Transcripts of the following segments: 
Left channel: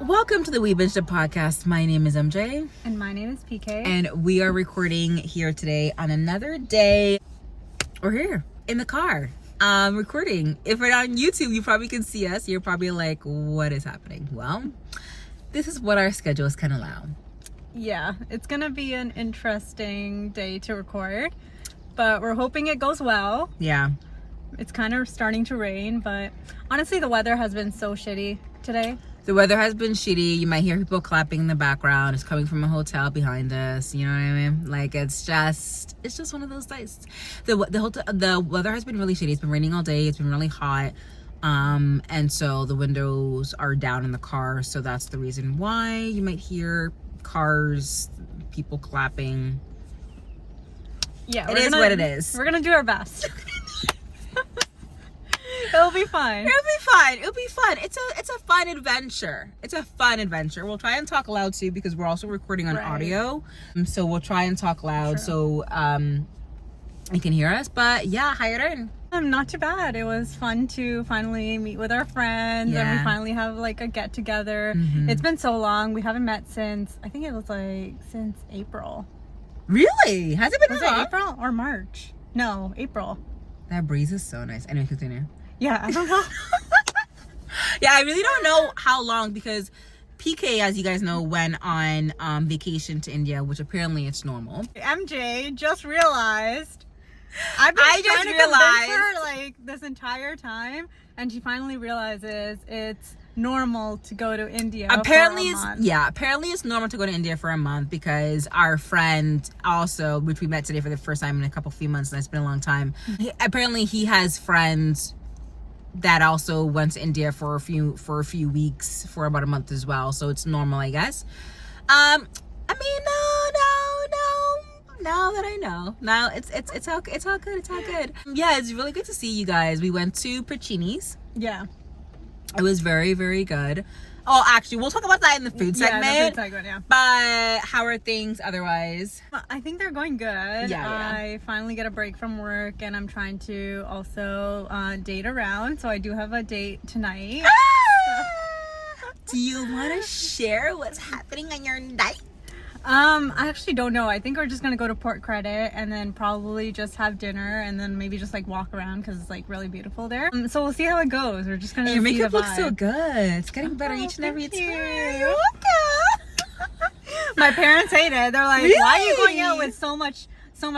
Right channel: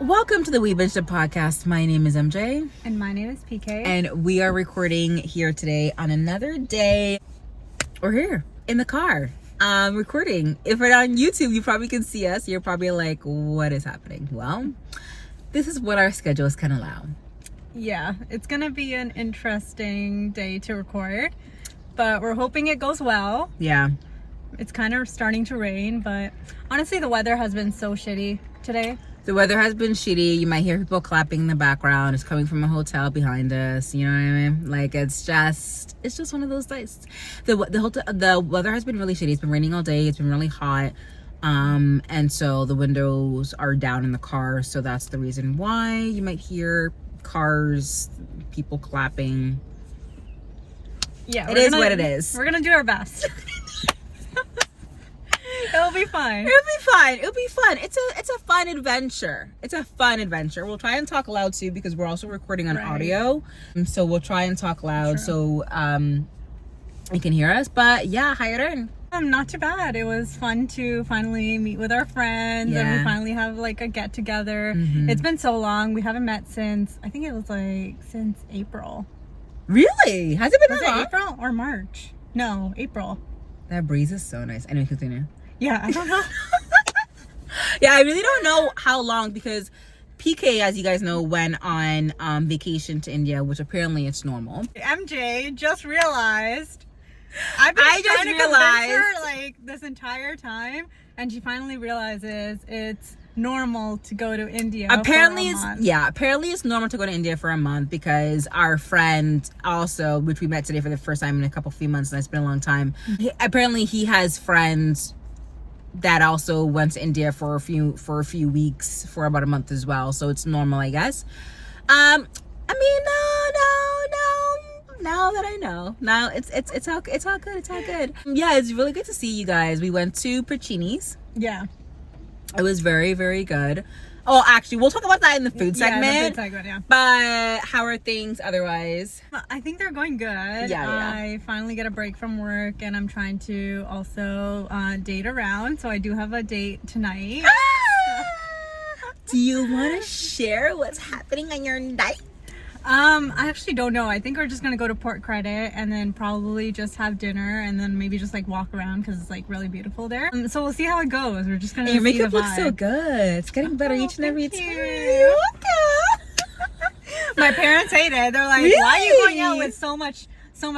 Welcome to the We Binged It podcast. My name is MJ. And my name is PK. And we are recording here today on another day. We're here in the car recording. If we're on YouTube, you probably can see us. You're probably like, what is happening? Well, this is what our schedules can allow. Yeah, it's going to be an interesting day to record, but we're hoping it goes well. Yeah. It's kind of starting to rain, but honestly, the weather has been so shitty today. The weather has been shitty. You might hear people clapping in the background. It's coming from a hotel behind us. You know what I mean? Like, it's just one of those days. The weather has been really shitty. It's been raining all day. It's been really hot. And so the windows are down in the car. So that's the reason why you might hear cars, people clapping. Yeah, it is what it is. We're going to do our best. It'll be fun. It'll be fun. It's a fun adventure. We'll try and talk loud too because we're also recording on audio. So we'll try and talk loud so you can hear us. But yeah, how you doing? Not too bad. It was fun to finally meet with our friends and we finally have like a get together. It's been so long. We haven't met since, I think it was like since April. Really? Has it been that long? April or March? No, April. That breeze is so nice. Anyway, continue. Yeah, I don't know. Yeah, I really don't know how long because PK, as you guys know, went on vacation to India, which apparently it's normal. MJ just realized. I just realized her like this entire time, and she finally realizes it's normal to go to India. Apparently it's normal to go to India for a month because our friend also, which we met today for the first time in a few months, and it's been a long time. Apparently he has friends that also went to India for a few weeks for about a month as well. So it's normal, I guess. I mean, no, now that I know. Now it's all good. It's all good. Yeah, it's really good to see you guys. We went to Puccini's. Yeah. It was very, very good. Oh, actually, we'll talk about that in the food segment. The food segment, yeah. But how are things otherwise? I think they're going good. Yeah. I finally get a break from work, and I'm trying to also date around. So I do have a date tonight. Do you want to share what's happening on your night? I actually don't know. I think we're just gonna go to Port Credit and then probably just have dinner and then maybe just like walk around because it's like really beautiful there. So we'll see how it goes. We're just gonna. Your makeup looks so good. It's getting better each and every time. You're welcome. My parents hate it. They're like, really? Why are you going out with so much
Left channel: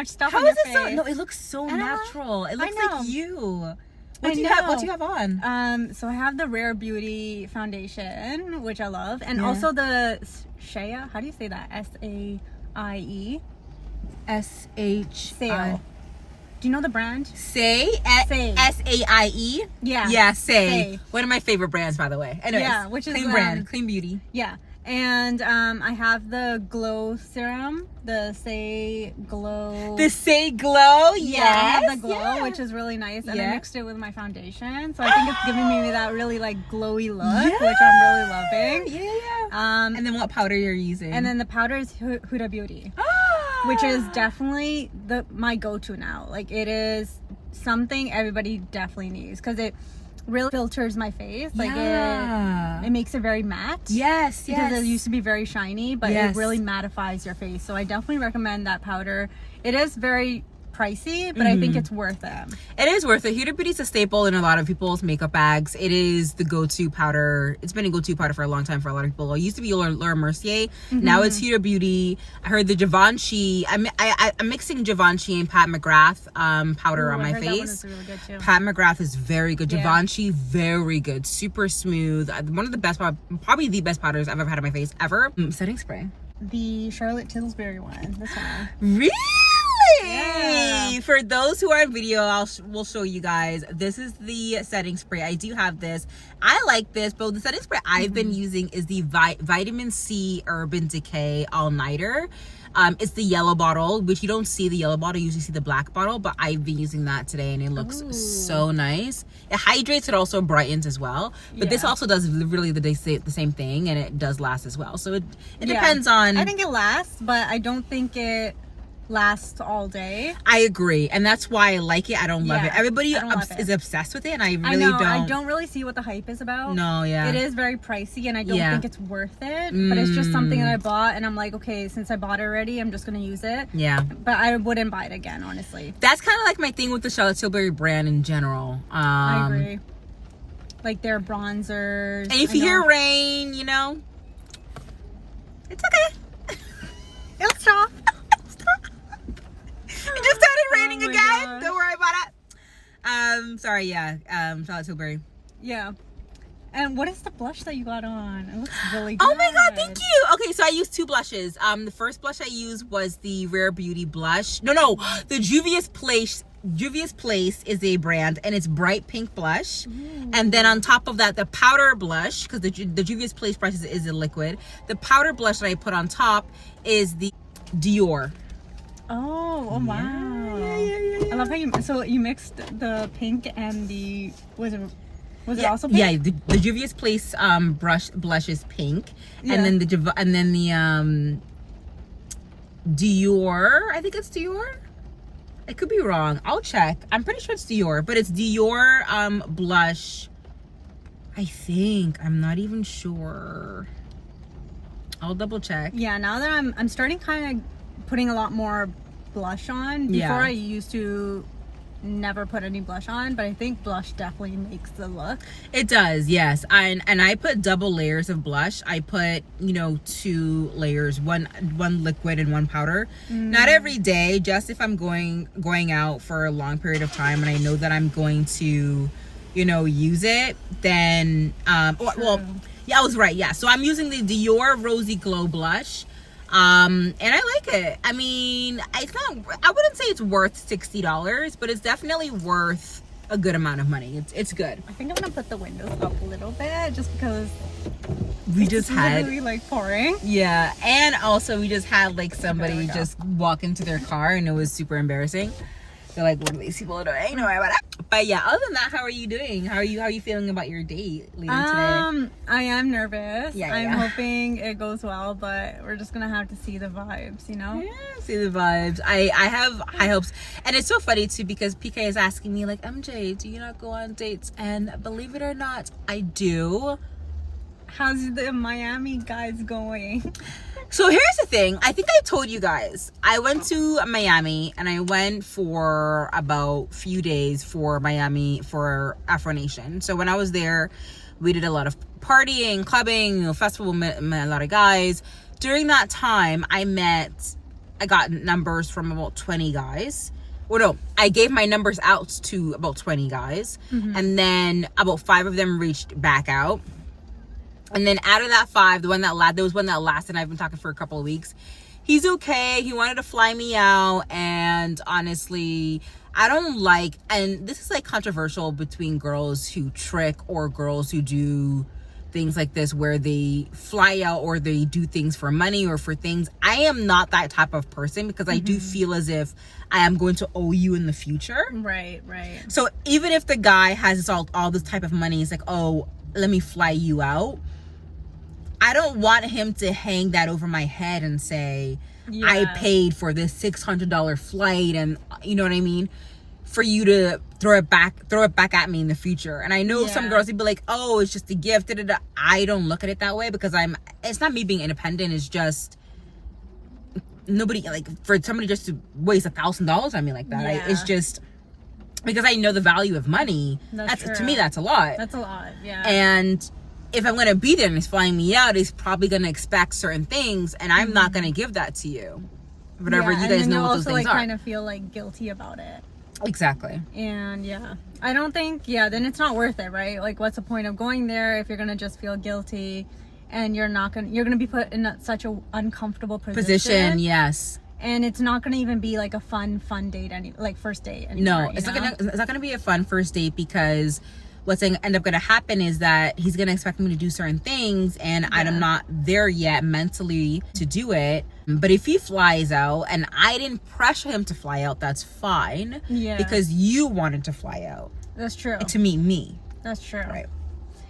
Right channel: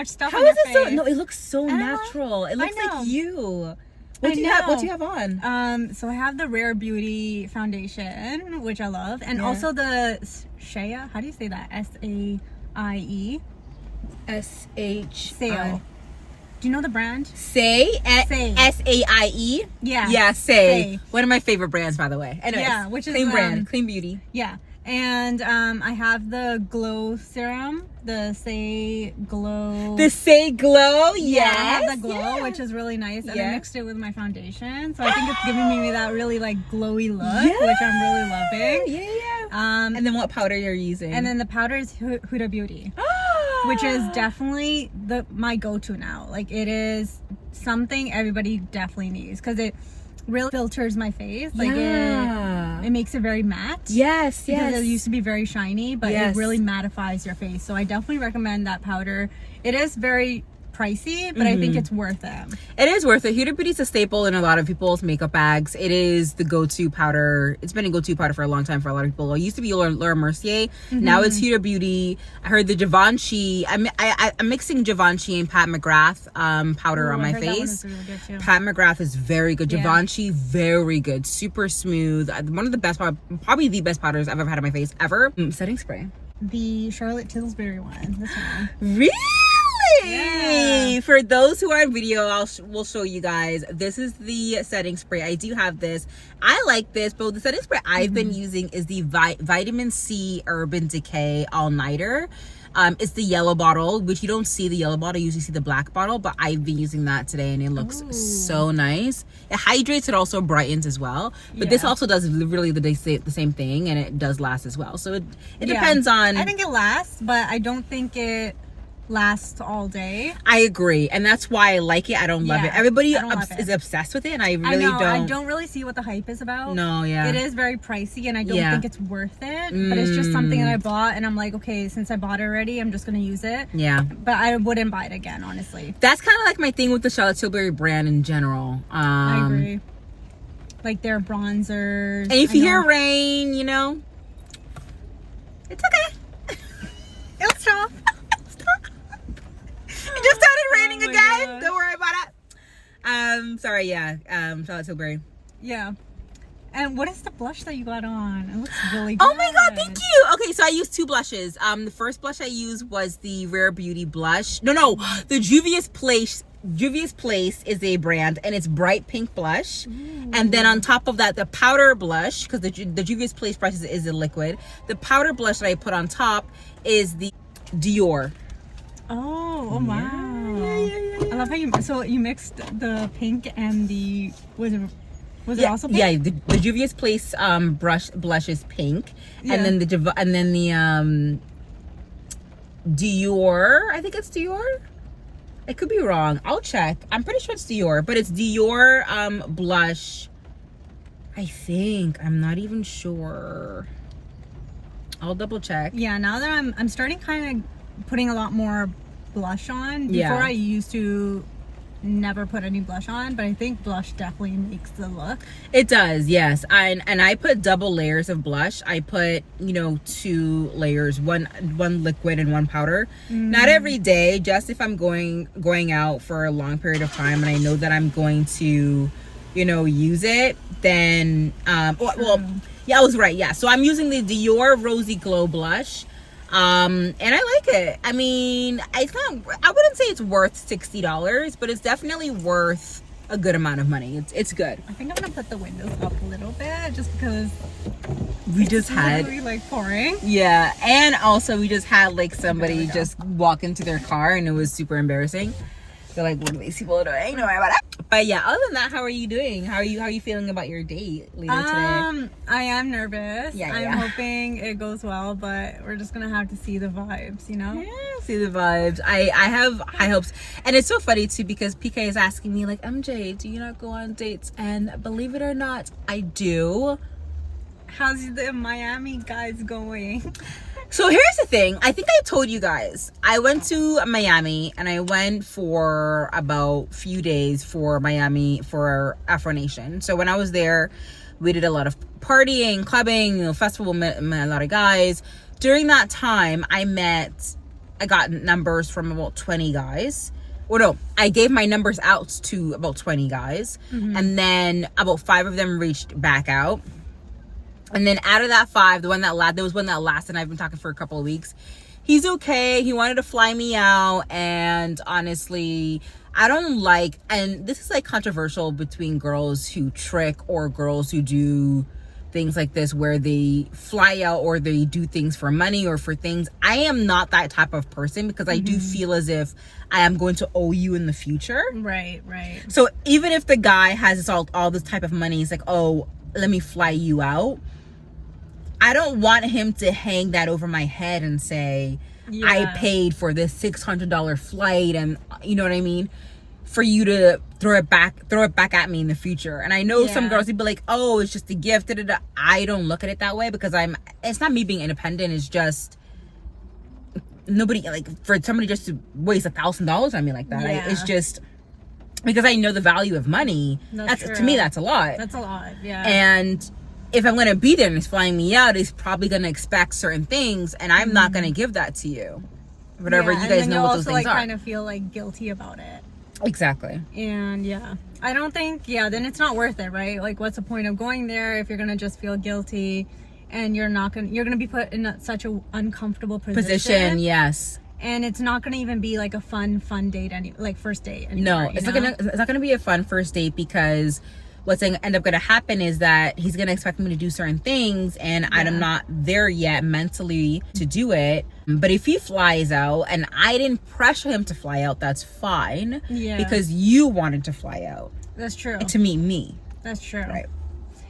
stuff on your face? So? No, it looks so natural. It looks like you. What do you have on? So I have the Rare Beauty foundation, which I love, and also the Shea. How do you say that? S-A-I-E. S-H-I. Do you know the brand? Say. S-A-I-E. Yeah. Yeah, Say. One of my favorite brands, by the way. Anyways, yeah, which is clean brand, clean beauty. Yeah. And I have the Glow Serum, the Say Glow. The Say Glow, yes. I have the Glow, which is really nice. And I mixed it with my foundation. So I think it's giving me that really like glowy look, which I'm really loving. Yeah. And then what powder you're using? And then the powder is Huda Beauty, which is definitely my go-to now. Like it is something everybody definitely needs because it really filters my face. Like it makes it very matte. Yes. Because it used to be very shiny, but it really mattifies your face. So I definitely recommend that powder. It is very pricey, but I think it's worth it. It is worth it. Huda Beauty is a staple in a lot of people's makeup bags. It is the go-to powder. It's been a go-to powder for a long time for a lot of people. It used to be Laura Mercier. Now it's Huda Beauty. I heard the Givenchy. I'm mixing Givenchy and Pat McGrath powder on my face. Really good too. Pat McGrath is very good. Givenchy, very good. Super smooth. One of the best, probably the best powders I've ever had on my face ever. Setting spray. The Charlotte Tilbury one. This one. Really? Yeah. For those who are in video, we'll show you guys. This is the setting spray. I do have this. I like this, but the setting spray I've been using is the Vitamin C Urban Decay All Nighter. It's the yellow bottle, which you don't see the yellow bottle. You usually see the black bottle, but I've been using that today and it looks so nice. It hydrates, it also brightens as well. But this also does really the same thing, and it does last as well. So it depends on... I think it lasts, but I don't think it lasts all day. I agree, and that's why I like it. I don't love it. Everybody is obsessed with it, and I really don't. I don't really see what the hype is about. No, yeah. It is very pricey, and I don't think it's worth it. But it's just something that I bought, and I'm like, okay, since I bought it already, I'm just gonna use it. Yeah. But I wouldn't buy it again, honestly. That's kind of like my thing with the Charlotte Tilbury brand in general. I agree. Like their bronzers. And if you hear rain, you know, it's okay. It'll stop. It just started raining again. Gosh. Don't worry about it. Sorry, Charlotte Tilbury. Yeah. And what is the blush that you got on? It looks really good. Oh my god, thank you. Okay, so I used 2 blushes. The first blush I used was the Rare Beauty blush. No, the Juvia's Place. Juvia's Place is a brand, and it's bright pink blush. Ooh. And then on top of that, the powder blush, because the Juvia's Place brush is a liquid. The powder blush that I put on top is the Dior. Oh wow. Yeah. I love how you mixed the pink and the was it also pink? Yeah, the Juvia's Place blush is pink. And then the Dior, I think it's Dior. I could be wrong. I'll check. I'm pretty sure it's Dior, but it's Dior blush. I think. I'm not even sure. I'll double check. Yeah, now that I'm starting kind of putting a lot more blush on. Before I used to never put any blush on, but I think blush definitely makes the look. It does, yes. And I put double layers of blush. I put 2 layers, one liquid and one powder. Not every day, just if I'm going out for a long period of time and I know that I'm going to use it, then I was right. Yeah, so I'm using the Dior Rosy Glow blush. And I like it. I mean, I wouldn't say it's worth $60, but it's definitely worth a good amount of money. It's good. I think I'm gonna put the windows up a little bit just because we just had literally like pouring. Yeah, and also we just had like somebody just walk into their car and it was super embarrassing. They're like, what are these people doing? No worry about it. But yeah, other than that, how are you doing? How are you feeling about your date later today? I am nervous. Yeah. I'm hoping it goes well, but we're just gonna have to see the vibes, Yeah, see the vibes. I have high hopes. And it's so funny too because PK is asking me like, MJ, do you not go on dates? And believe it or not, I do. How's the Miami guys going? So here's the thing. I think I told you guys. I went to Miami and I went for about a few days for Miami for Afro Nation. So when I was there, we did a lot of partying, clubbing, festival, met a lot of guys. During that time, I got numbers from about 20 guys. Well, no, I gave my numbers out to about 20 guys. Mm-hmm. And then about 5 of them reached back out. And then out of that 5, there was one that lasted, and I've been talking for a couple of weeks. He's okay. He wanted to fly me out. And honestly, I don't like, and this is like controversial between girls who trick or girls who do things like this where they fly out or they do things for money or for things. I am not that type of person because I do feel as if I am going to owe you in the future. Right. So even if the guy has all this type of money, he's like, oh, let me fly you out. I don't want him to hang that over my head and say, I paid for this $600 flight, and you know what I mean? For you to throw it back at me in the future. And I know some girls would be like, oh, it's just a gift. I don't look at it that way because it's not me being independent. It's just nobody, like, for somebody just to waste $1,000 on me like that. Yeah. It's just because I know the value of money. To me, that's a lot. That's a lot. Yeah. And if I'm going to be there and he's flying me out, he's probably going to expect certain things, and I'm not going to give that to you. Whatever you guys know what those things are. Kind of feel like guilty about it. Exactly. And I don't think, then it's not worth it, right? Like, what's the point of going there if you're going to just feel guilty and you're going to be put in such an uncomfortable position. Yes. And it's not going to even be like a fun date, first date anymore. No, it's not going to be a fun first date because what's going to end up going to happen is that he's going to expect me to do certain things, and I'm not there yet mentally to do it. But if he flies out and I didn't pressure him to fly out, that's fine. Yeah. Because you wanted to fly out. That's true. To meet me. That's true. Right.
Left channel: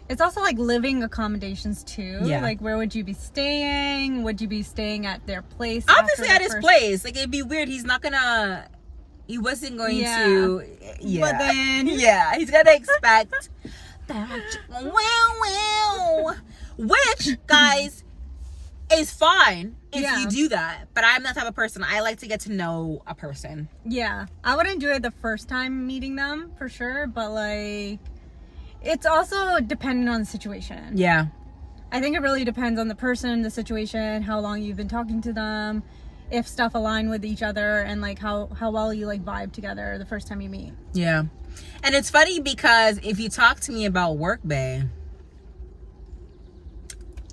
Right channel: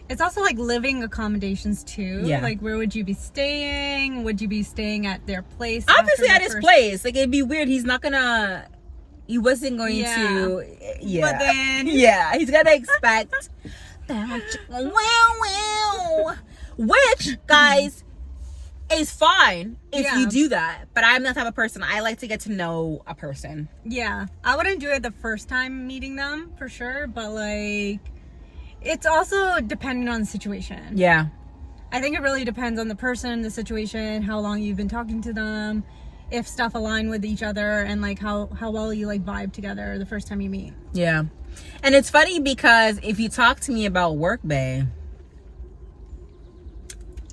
It's also like living accommodations too. Yeah. Like, where would you be staying? Would you be staying at their place? Obviously after at his place. Like, it'd be weird. He wasn't going to. Yeah. But then. Yeah. He's gonna expect. Which, guys, is fine if you do that. But I'm that type of person. I like to get to know a person. Yeah. I wouldn't do it the first time meeting them for sure. But like, it's also dependent on the situation. Yeah. I think it really depends on the person, the situation, how long you've been talking to them, if stuff align with each other, and like how well you like vibe together the first time you meet. Yeah. And it's funny because if you talk to me about work, bae.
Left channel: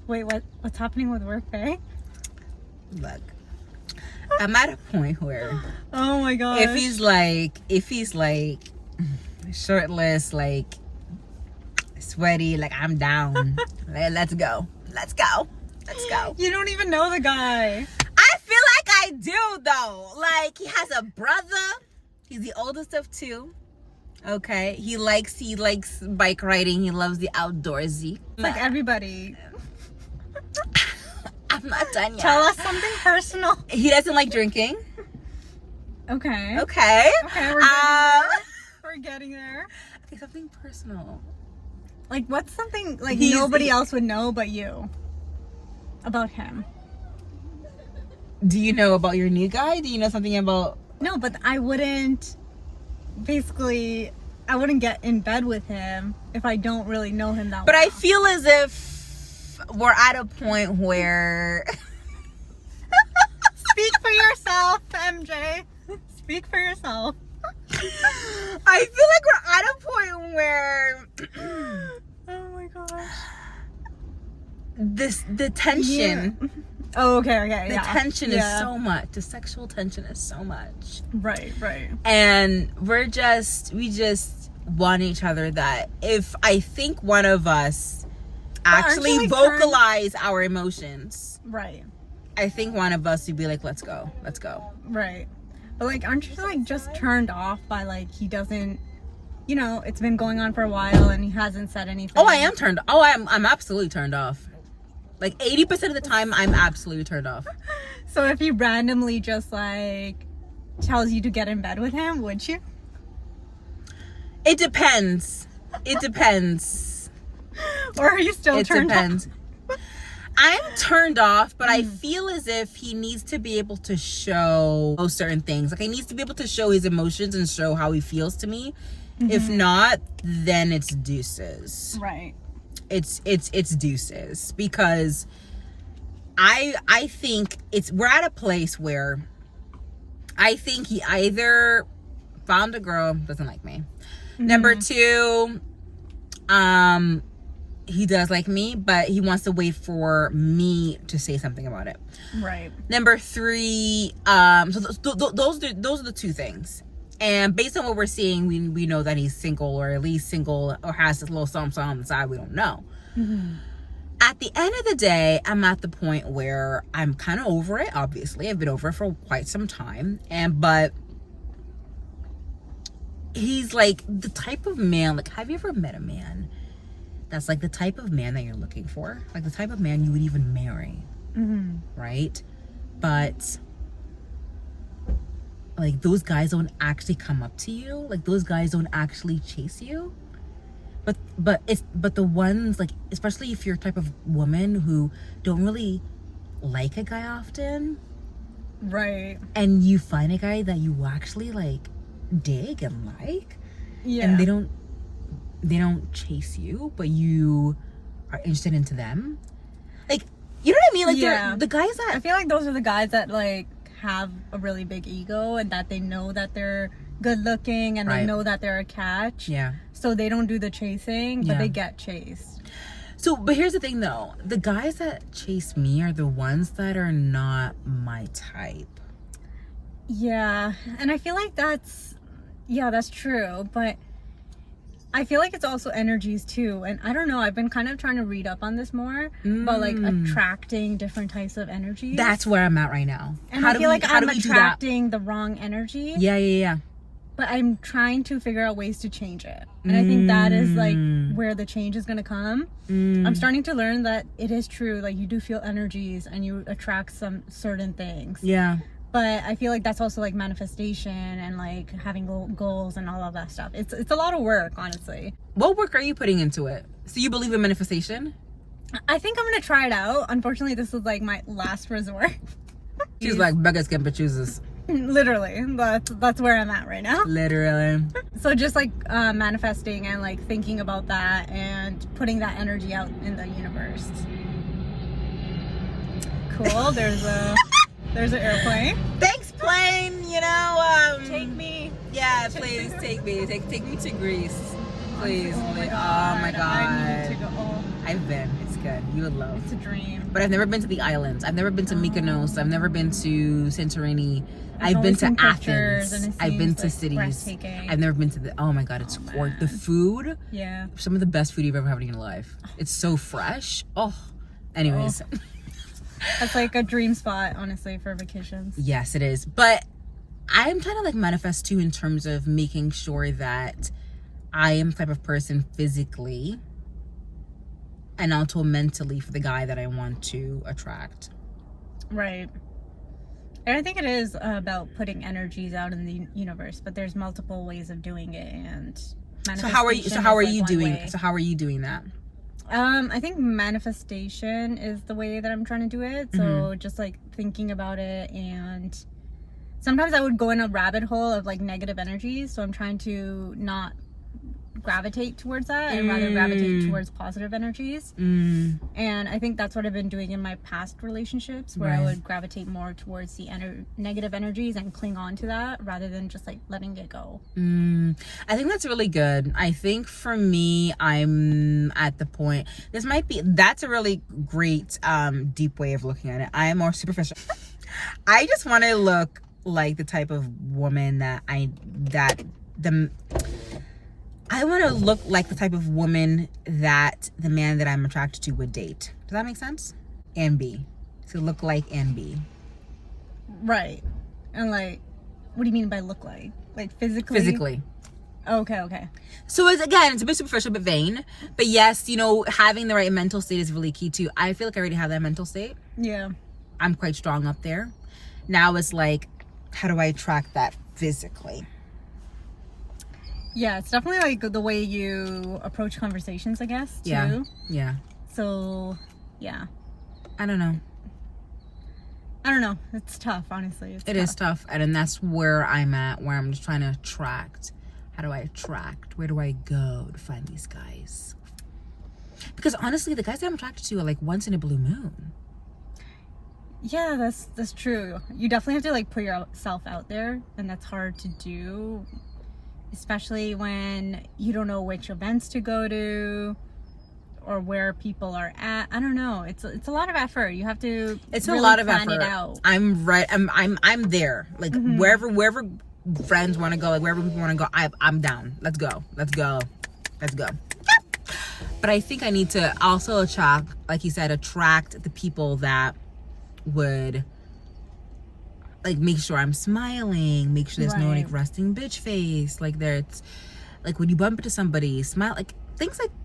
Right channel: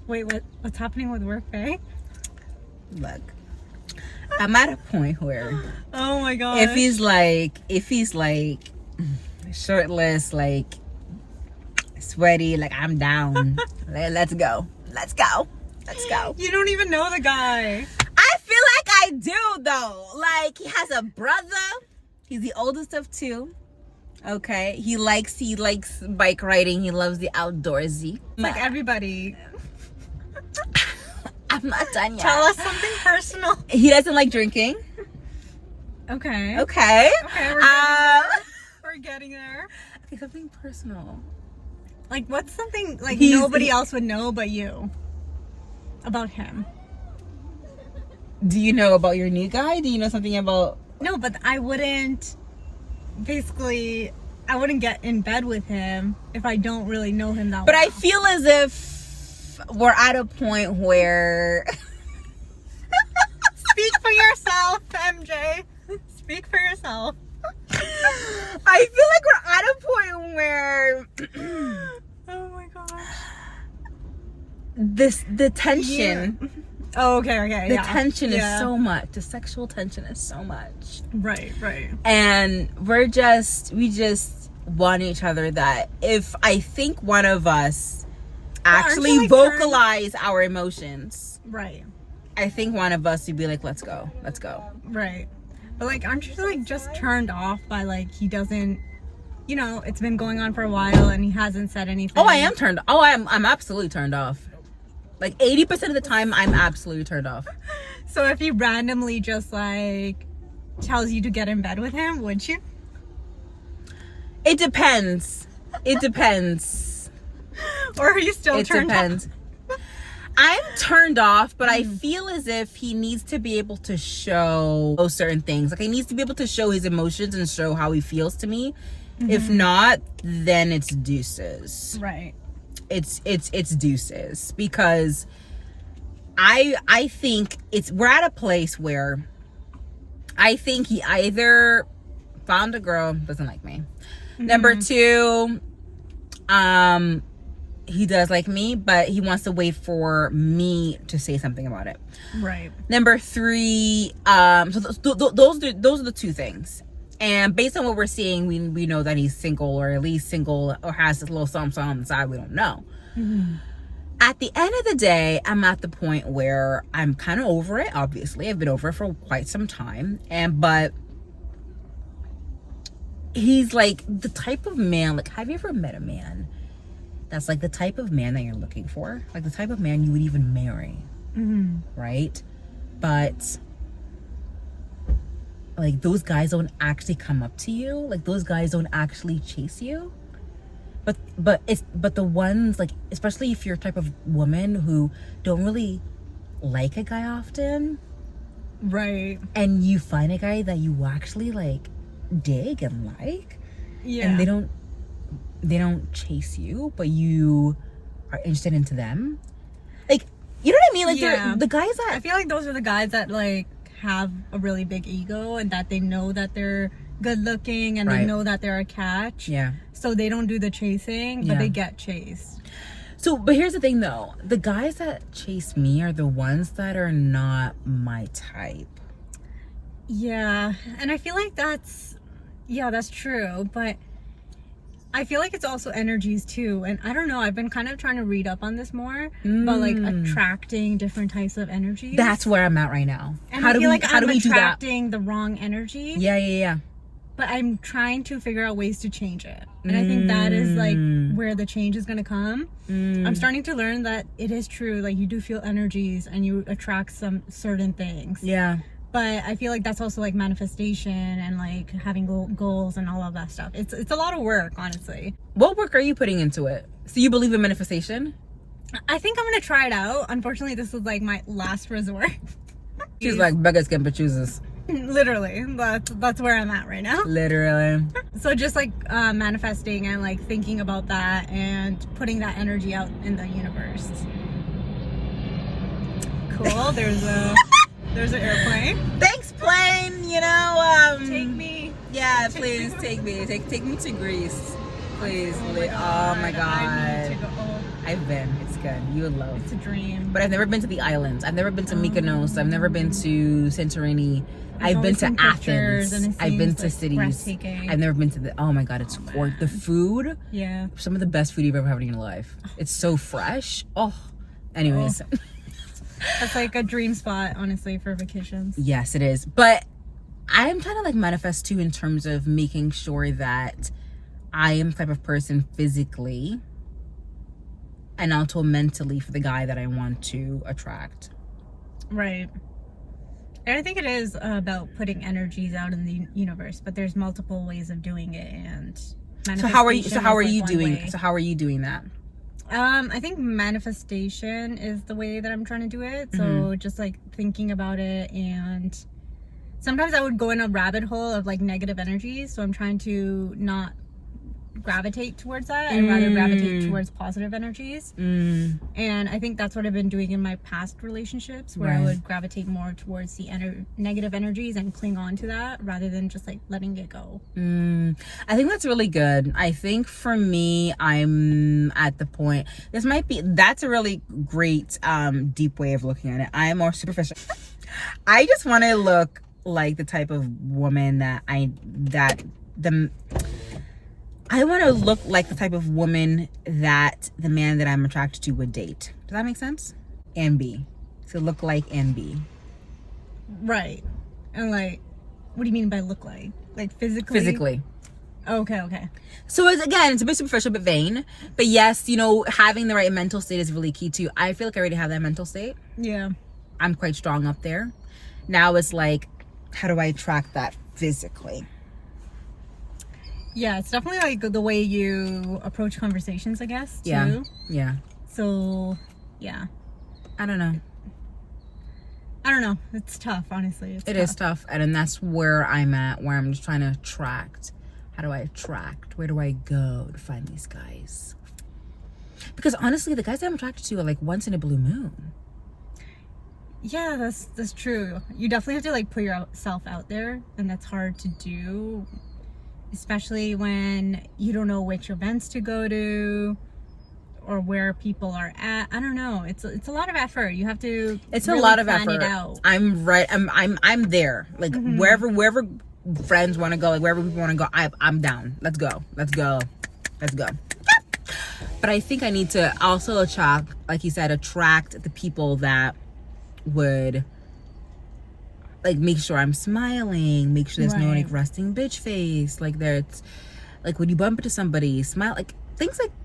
Wait, what's happening with work, bae? Look, I'm at a point where Oh my gosh. if he's like shirtless, like sweaty, like I'm down. Let's go. You don't even know the guy. I feel like I do though. Like, he has a brother. He's the oldest of two. Okay. He likes bike riding. He loves the outdoorsy. It's like everybody. I'm not done yet. Tell us something personal. He doesn't like drinking. Okay. Okay. Okay, we're getting there. We're getting there. Okay, something personal. Like, what's something like He's- nobody else would know but you about him? Do you know about your new guy? Do you know something about... No, but I wouldn't get in bed with him if I don't really know him that But well. I feel as if we're at a point where... Speak for yourself, MJ. Speak for yourself. I feel like we're at a point where Oh my gosh. the tension, Oh, okay. the yeah. tension is Yeah. so much. The sexual tension is so much, Right. and we just want each other. That if I think one of us aren't actually you, like, vocalize our emotions, Right. I think one of us would be like, let's go. Right. But like, aren't you like just turned off by like he doesn't, it's been going on for a while and he hasn't said anything? Oh, I am turned. Oh, I'm absolutely turned off. Like 80% of the time, I'm absolutely turned off. So if he randomly just like tells you to get in bed with him, would you? It depends. Or are you still It turned depends. I'm turned off, but I feel as if he needs to be able to show certain things. Like, he needs to be able to show his emotions and show how he feels to me. If not, then it's deuces. off? Right. It's deuces, because I think we're at a place where I think he either found a girl, doesn't like me. Number two, he does like me, but he wants to wait for me to say something about it. Right. Number three, so those are the two things. And based on what we're seeing, we know that he's single, or at least single, or has this little something on the side. We don't know. At the end of the day, I'm at the point where I'm kind of over it. Obviously, I've been over it for quite some time, but he's like the type of man. Like, have you ever met a man that's like the type of man that you're looking for? Like the type of man you would even marry, right? But like, those guys don't actually come up to you. Like, those guys don't actually chase you. But the ones, like, especially if you're a type of woman who don't really like a guy often, Right. and you find a guy that you actually like dig and like, Yeah. and they don't chase you, but you are interested into them. Like, you know what I mean? Like, Yeah. they're the guys I that feel like those are the guys that like have a really big ego, and that they know that they're good looking, and they Right. know that they're a catch. yeah. So they don't do the chasing, but Yeah. they get chased. So, but here's the thing though. The guys that chase me are the ones that are not my type. Yeah. And I feel like that's true, but I feel like it's also energies too. And I don't know, I've been kind of trying to read up on this more, but like attracting different types of energies. That's where I'm at right now. And I feel like I'm attracting the wrong energy. Yeah. but I'm trying to figure out ways to change it. And I think that is like where the change is going to come. I'm starting to learn that it is true. Like you do feel energies and you attract some certain things. Yeah. But I feel like that's also like manifestation and like having goals and all of that stuff. It's a lot of work, honestly. What work are you putting into it? So you believe in manifestation? I think I'm going to try it out. Unfortunately, this is like my last resort. She's like, beggars can't be choosers. Literally, that's where I'm at right now. Literally. So just like manifesting and like thinking about that and putting that energy out in the universe. Cool. There's an airplane. Thanks, plane. Take me. Yeah, please take me. Take me to Greece, please. Oh my god. I need to go. I've been. It's good. You would love. It's a dream. But I've never been to the islands. I've never been to Mykonos. I've never been to Santorini. I've been to Athens. I've been to cities. I've never been to the. Oh my god, it's gorgeous. The food. Yeah. Some of the best food you've ever had in your life. It's so fresh. Oh. Anyways. Oh. That's like a dream spot, honestly, for vacations. Yes, it is. But I'm trying to like manifest too in terms of making sure that I am the type of person physically and also mentally for the guy that I want to attract. Right. And I think it is about putting energies out in the universe, but there's multiple ways of doing it. And so how are you doing that? I think manifestation is the way that I'm trying to do it. So just like thinking about it, and sometimes I would go in a rabbit hole of like negative energies. So I'm trying to not gravitate towards that and rather gravitate towards positive energies. And I think that's what I've been doing in my past relationships, where I would gravitate more towards the negative energies and cling on to that rather than just like letting it go. I think that's really good. I think for me, I'm at the point, that's a really great deep way of looking at it. I am more superficial. I just want to look like the type of woman I want to look like the type of woman that the man that I'm attracted to would date. Does that make sense? And be. To look like and be. Right. And like, what do you mean by look like? Like physically? Physically. Okay. So it's a bit superficial, but vain. But yes, having the right mental state is really key too. I feel like I already have that mental state. Yeah. I'm quite strong up there. Now it's like, how do I attract that physically? Yeah, it's definitely like the way you approach conversations, I guess, too. Yeah. So, yeah. I don't know. It's tough, honestly. It is tough. And that's where I'm at, where I'm just trying to attract. How do I attract? Where do I go to find these guys? Because honestly, the guys that I'm attracted to are like once in a blue moon. Yeah, that's true. You definitely have to like put yourself out there, and that's hard to do. Especially when you don't know which events to go to or where people are at. I don't know. It's a lot of effort. You have to. It's really a lot of plan effort. It out. I'm right. I'm there. Like wherever friends want to go, like wherever people want to go, I'm down. Let's go. But I think I need to also attract, like you said, attract the people that would. Like make sure I'm smiling, make sure there's no like resting bitch face, like there's like when you bump into somebody, smile, like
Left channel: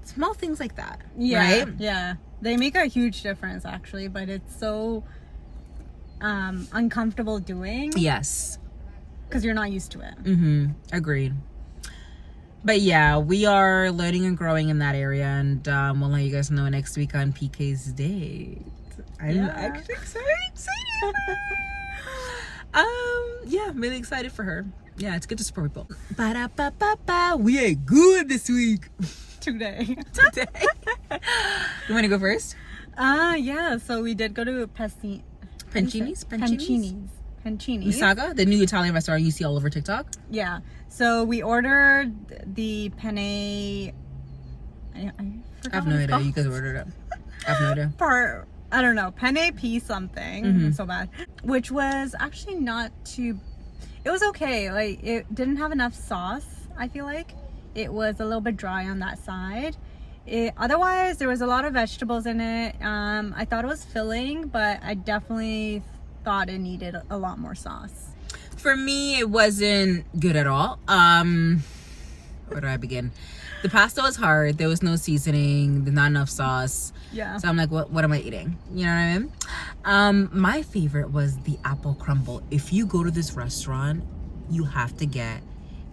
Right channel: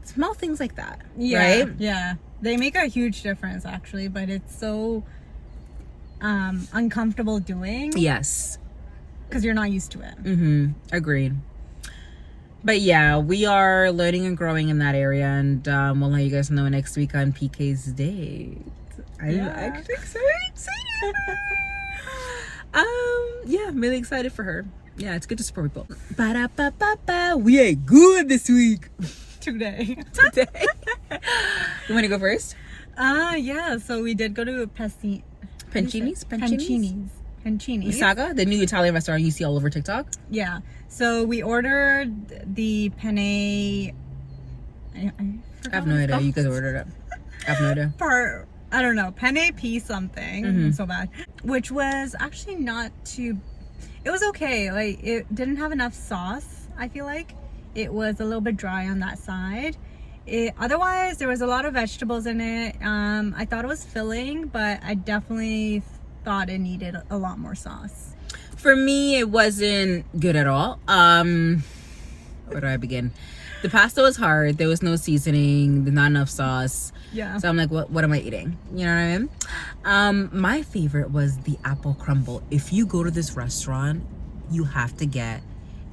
small things like that. Yeah, right? Yeah, they make a huge difference actually, but it's so uncomfortable doing. Yes, because you're not used to it. Agreed. But yeah, we are learning and growing in that area, and we'll let you guys know next week on PK's date. I'm actually so excited. Yeah, I'm really excited for her. Yeah, it's good to support people. Ba-da-ba-ba-ba. We ate good this week. Today. You want to go first? Yeah. So we did go to Pancini's? Saga, the new Italian restaurant you see all over TikTok. Yeah. So we ordered the penne. I have no idea. You guys ordered it. I have no idea. I don't know, penne pea something, so bad, which was actually not too, it was okay. Like it didn't have enough sauce. I feel like it was a little bit dry on that side. Otherwise there was a lot of vegetables in it. I thought it was filling, but I definitely thought it needed a lot more sauce. For me, it wasn't good at all. Where do I begin? The pasta was hard. There was no seasoning. There's not enough sauce. Yeah. So I'm like, what am I eating? You know what I mean? My favorite was the apple crumble. If you go to this restaurant, you have to get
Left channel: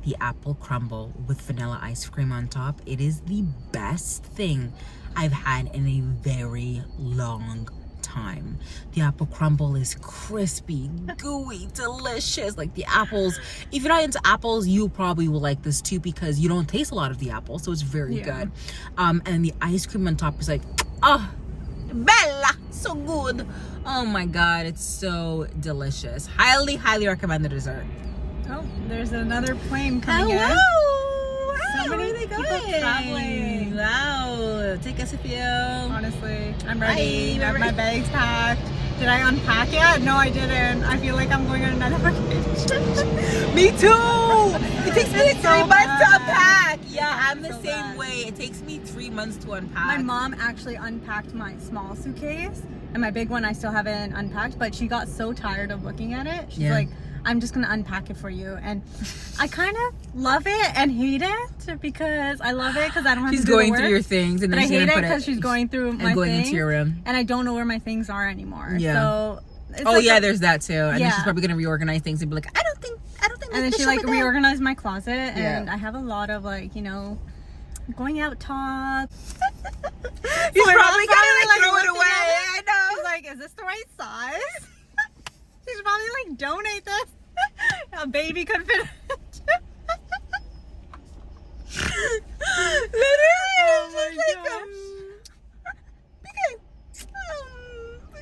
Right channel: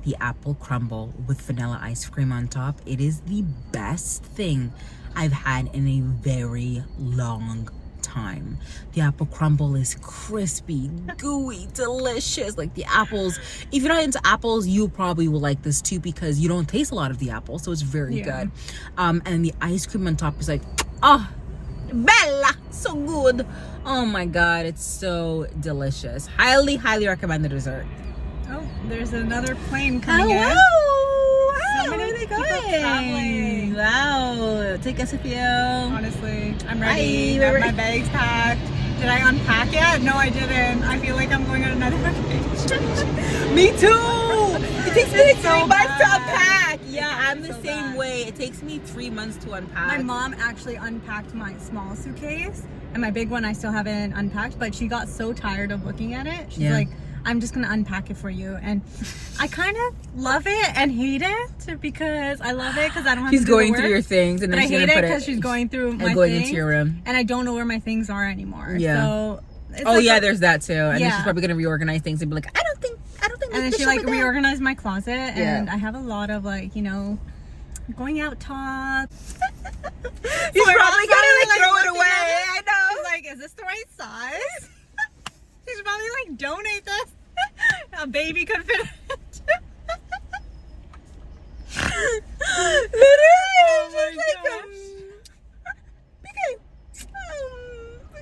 the apple crumble with vanilla ice cream on top. It is the best thing I've had in a very long time. The apple crumble is crispy, gooey, delicious. Like the apples, if you're not into apples, you probably will like this too because you don't taste a lot of the apple, so it's very good. And the ice cream on top is like, oh, bella, so good. Oh my god, it's so delicious. Highly recommend the dessert. Oh, there's another plane coming in. So many people traveling. Wow. Take us if you. Honestly, I'm ready. I have my bags packed. Did I unpack yet? No, I didn't. I feel like I'm going on another vacation. Me too. It takes me like 3 months to bad. unpack. Yeah, I'm the So same bad. way. It takes me 3 months to unpack. My mom actually unpacked my small suitcase, and my big one I still haven't unpacked, but she got so tired of looking at it. She's like, I'm just gonna unpack it for you. And I kind of love it and hate it because I love it because I don't have She's to do the going work. through your things and then I she's hate gonna it put it because she's going through my and going things, into your room. and I don't know where my things are anymore. Yeah. So it's Oh like yeah, there's that too. And then Yeah. she's probably gonna reorganize things and be like, I don't think and then this she should like be there. reorganized my closet, Yeah. and I have a lot of like, you know, going out tops. He's So probably gonna like throw it looking away. at I know. She's like, is this the right size? She's probably like, donate this. A baby could fit it. Literally, my she's like, okay,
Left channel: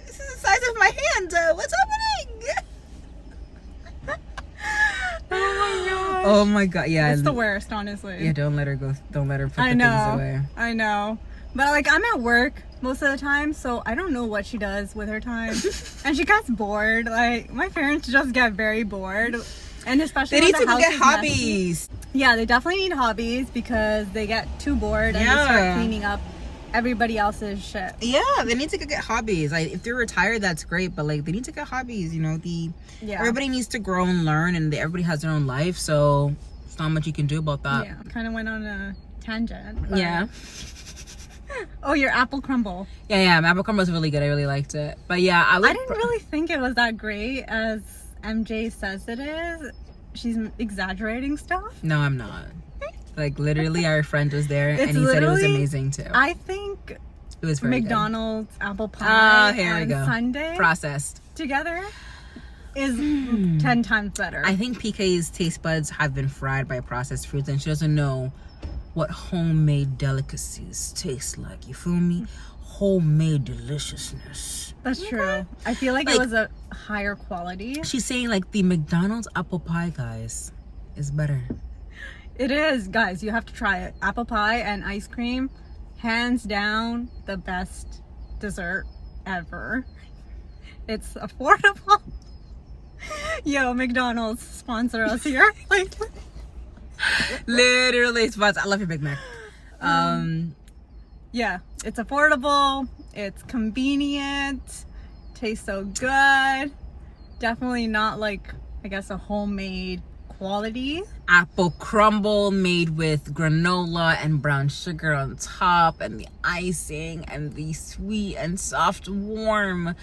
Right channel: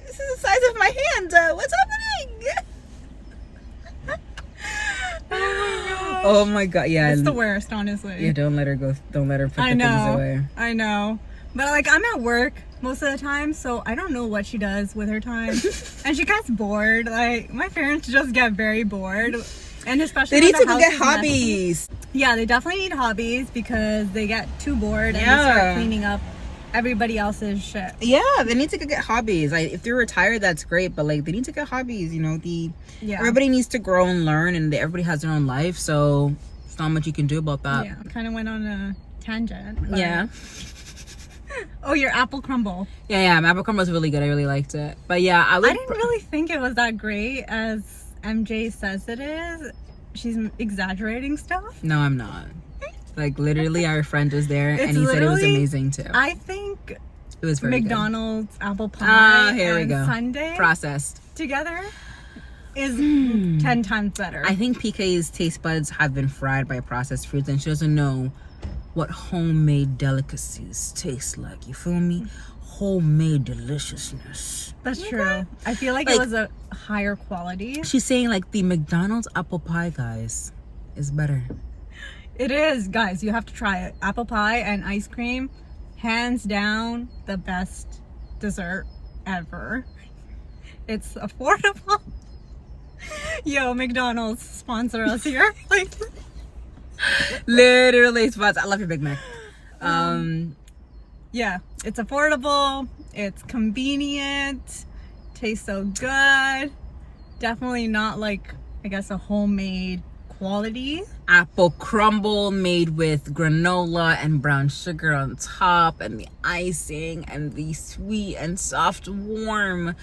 this is the size of my hand. What's happening? Oh my god, yeah. It's the worst, honestly. Yeah, don't let her go. Don't let her put the things away. I know. But like, I'm at work most of the time, so I don't know what she does with her time. And she gets bored. Like, my parents just get very bored. And especially They need when to the go house get is messy. hobbies. Yeah, they definitely need hobbies because they get too bored and they Yeah. start cleaning up everybody else's shit. Yeah, they need to go get hobbies. Like if they're retired, that's great, but like they need to get hobbies. You know, everybody needs to grow and learn, and everybody has their own life, so there's not much you can do about that. Yeah, kind of went on a tangent. But... Yeah. Oh, your apple crumble. Yeah, my apple crumble was really good. I really liked it. But yeah, I didn't really think it was that great as MJ says it is. She's exaggerating stuff. No, I'm not. Like literally, our friend was there, and he said it was amazing too. I think It was very McDonald's apple pie here we and go. sundae Processed. together is 10 times better. I think PK's taste buds have been fried by processed foods, and she doesn't know what homemade delicacies taste like. You feel me? Homemade deliciousness. That's true. I feel like it was a higher quality. She's saying like the McDonald's apple pie, guys, is better. It is, guys. You have to try it. Apple pie and ice cream, hands down, the best dessert ever. It's affordable. Yo, McDonald's, sponsor us here. Literally spots. I love your Big Mac. Yeah, it's affordable. It's convenient. Tastes so good. Definitely not like, I guess, a homemade quality. Apple crumble made with granola and brown sugar on top, and the icing and the sweet and soft, warm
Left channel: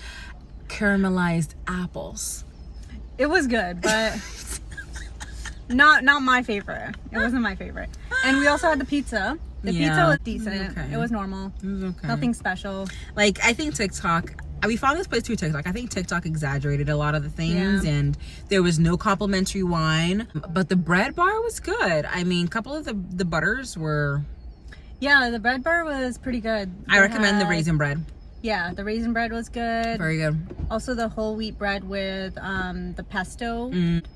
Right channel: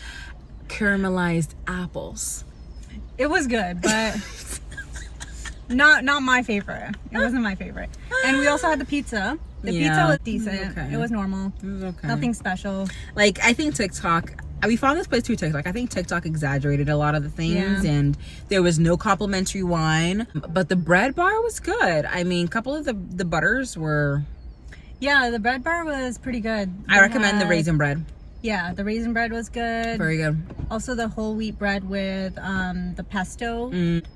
caramelized apples. It was good, but not my favorite. It wasn't my favorite. And we also had the pizza. The pizza was decent. Okay. It was normal. It was okay. Nothing special. Like, I think TikTok, we found this place through TikTok. I think TikTok exaggerated a lot of the things, and there was no complimentary wine, but the bread bar was good. I mean, a couple of the butters were... Yeah, the bread bar was pretty good. I recommend the raisin bread. Yeah, the raisin bread was good. Very good. Also, the whole wheat bread with the pesto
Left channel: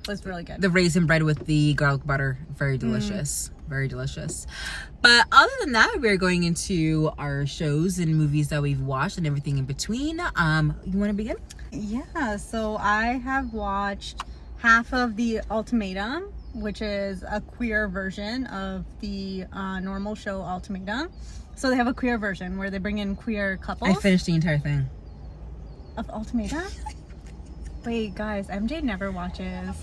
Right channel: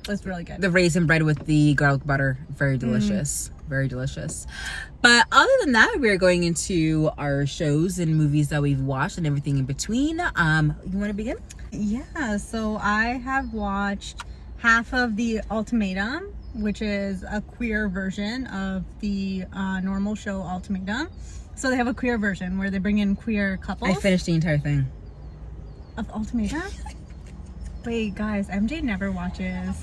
was really good. The raisin bread with the garlic butter, very delicious. Very delicious. But other than that, we're going into our shows and movies that we've watched and everything in between. You want to begin? Yeah, so I have watched half of the Ultimatum, which is a queer version of the normal show Ultimatum. So they have a queer version where they bring in queer couples. I finished the entire thing. Of Ultimatum? Wait, guys, MJ never watches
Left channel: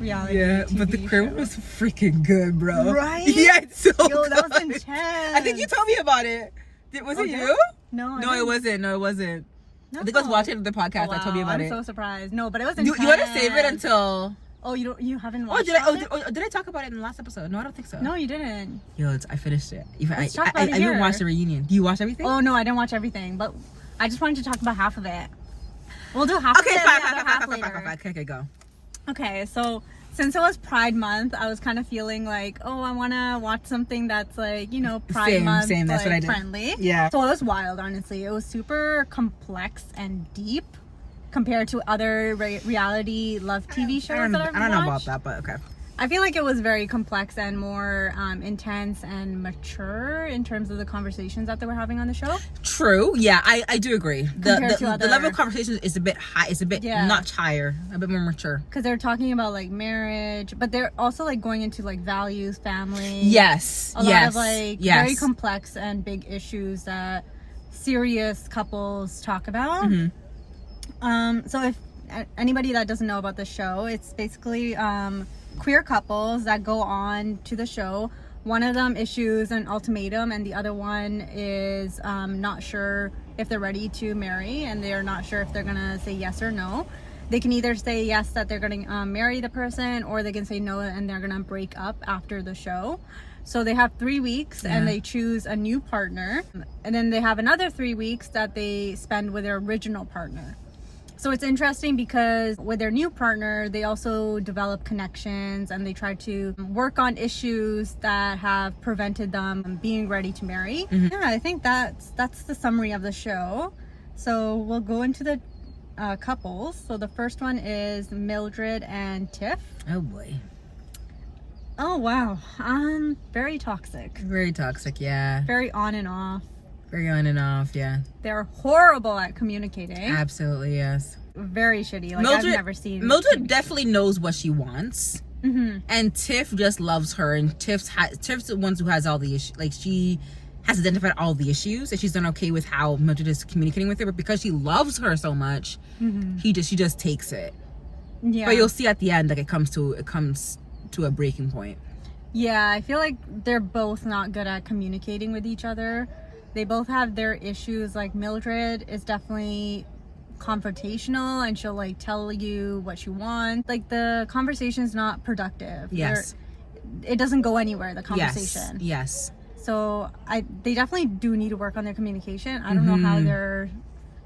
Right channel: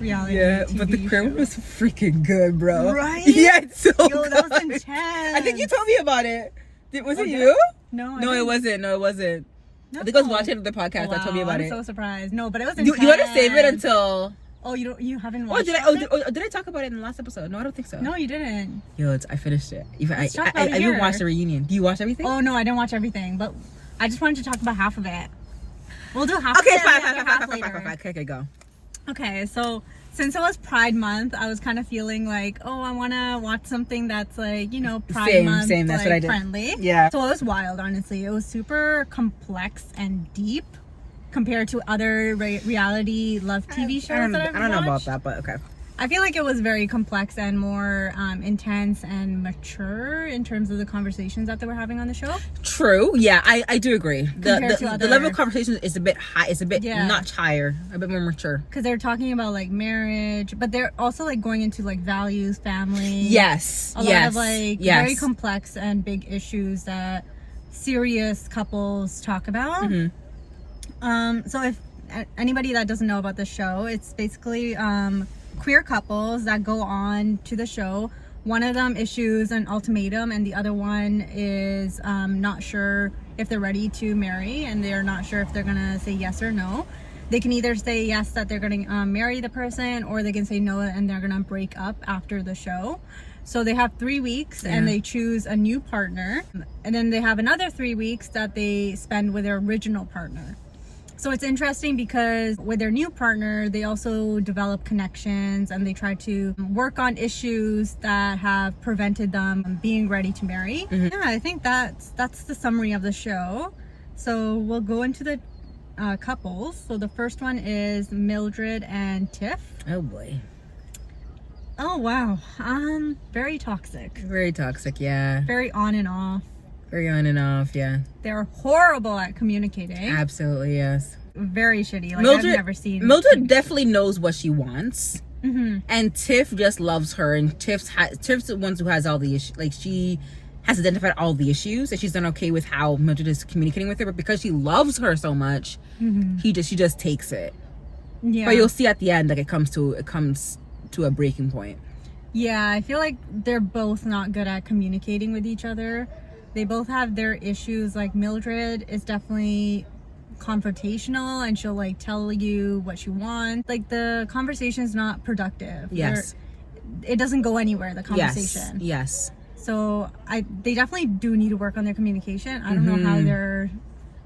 reality Yeah, TV but the crib show. was freaking good, bro. Right? Yeah, it's so Yo, good. that was intense. I think you told me about it. Was it did you? No, No, it wasn't. No, it wasn't. No. I think I was watching the podcast Oh, that told me about I'm it. so surprised. No, but it was You intense. want to save it until... Oh, you haven't Oh, watched did I? it? Did I talk about it in the last episode? No, I don't think so. No, you didn't. Yo, I finished it. Even Let's talk I about it even here. watched the reunion. Do you watch everything? Oh no, I didn't watch everything, but I just wanted to talk about half of it. We'll do half Okay, of it. fine, and the fine, other fine, half fine, later. fine, fine. Okay, go. Okay, so since it was Pride Month, I was kind of feeling like, oh, I want to watch something that's like, you know, Pride Month Same. That's like, what I did. friendly. Yeah. So it was wild, honestly. It was super complex and deep compared to other reality love TV shows I don't that I've know about watched. that, but okay. I feel like it was very complex and more intense and mature in terms of the conversations that they were having on the show. True. Yeah, I do agree. Compared to The other- level of conversation is a bit high. It's a bit Yeah. notch higher, a bit more mature. Because they're talking about like marriage, but they're also like going into like values, family. Yes. A lot of like yes. very complex and big issues that serious couples talk about. So if anybody that doesn't know about the show, it's basically queer couples that go on to the show. One of them issues an ultimatum and the other one is not sure if they're ready to marry, and they're not sure if they're gonna say yes or no. They can either say yes that they're gonna marry the person, or they can say no and they're gonna break up after the show. So they have 3 weeks and they choose a new partner, and then they have another 3 weeks that they spend with their original partner. So it's interesting because with their new partner, they also develop connections and they try to work on issues that have prevented them being ready to marry. Yeah, I think that's the summary of the show. So we'll go into the couples. So the first one is Mildred and Tiff. Oh boy. Oh wow. Very toxic. Very toxic. Yeah. Very on and off. Very on and off. Yeah. They're horrible at communicating. Absolutely. Yes. Very shitty. Like Mildred, I've never seen. Mildred definitely knows what she wants, Mm-hmm. and Tiff just loves her. And Tiff's the one who has all the issues. Like, she has identified all the issues, and she's done okay with how Mildred is communicating with her. But because she loves her so much, she just takes it. Yeah. But you'll see at the end, like, it comes to a breaking point. Yeah, I feel like they're both not good at communicating with each other. They both have their issues. Like Mildred is definitely confrontational and she'll like tell you what she wants. Like the conversation's not productive. Yes. It doesn't go anywhere, the conversation. Yes. So they definitely do need to work on their communication. I don't know how they're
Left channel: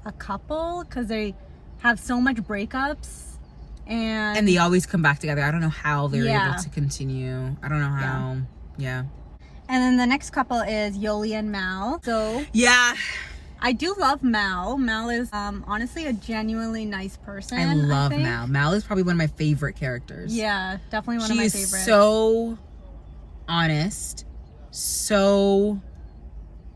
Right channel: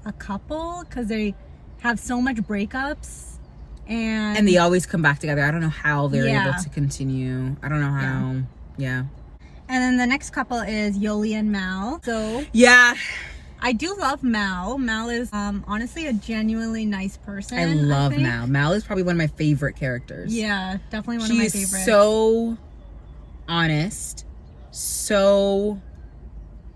a couple because they have so much breakups and they always come back together. I don't know how they're Yeah. able to continue. I don't know how. Yeah. And then the next couple is Yoli and Mal. So Yeah. I do love Mal. Mal is honestly a genuinely nice person. I love think. Mal. Mal is probably one of my favorite characters. Yeah, definitely one She of my is favorites. so honest, so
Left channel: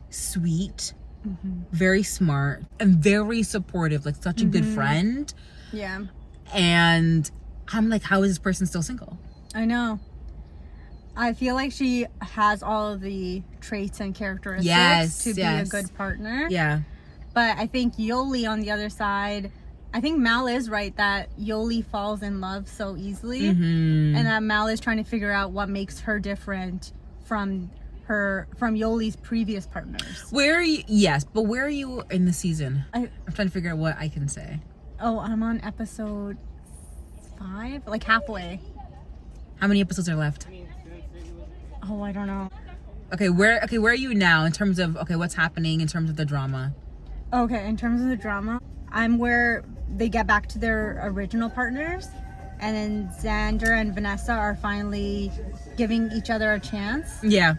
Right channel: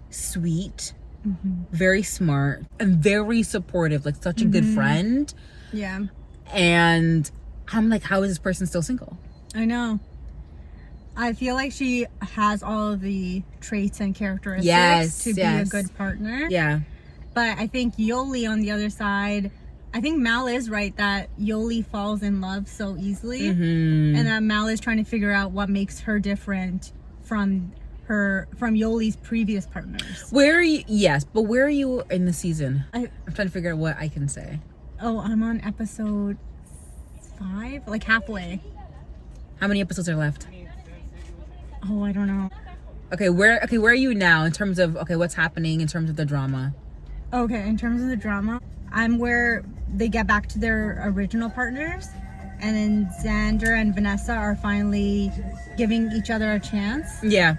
sweet, very smart, and very supportive. Like such a good friend. Yeah, And I'm like, how is this person still single? I know. I feel like she has all of the traits and characteristics to be a good partner. Yeah. But I think Yoli on the other side, I think Mal is right that Yoli falls in love so easily. And that Mal is trying to figure out what makes her different from Yoli's previous partners. Where are you? Yes, but where are you in the season? I'm trying to figure out what I can say. Oh, I'm on episode 5, like halfway. How many episodes are left? Oh, I don't know. Okay, where are you now in terms of what's happening in terms of the drama? Okay, in terms of the drama, I'm where they get back to their original partners, and then Xander and Vanessa are finally giving each other a chance. Yeah.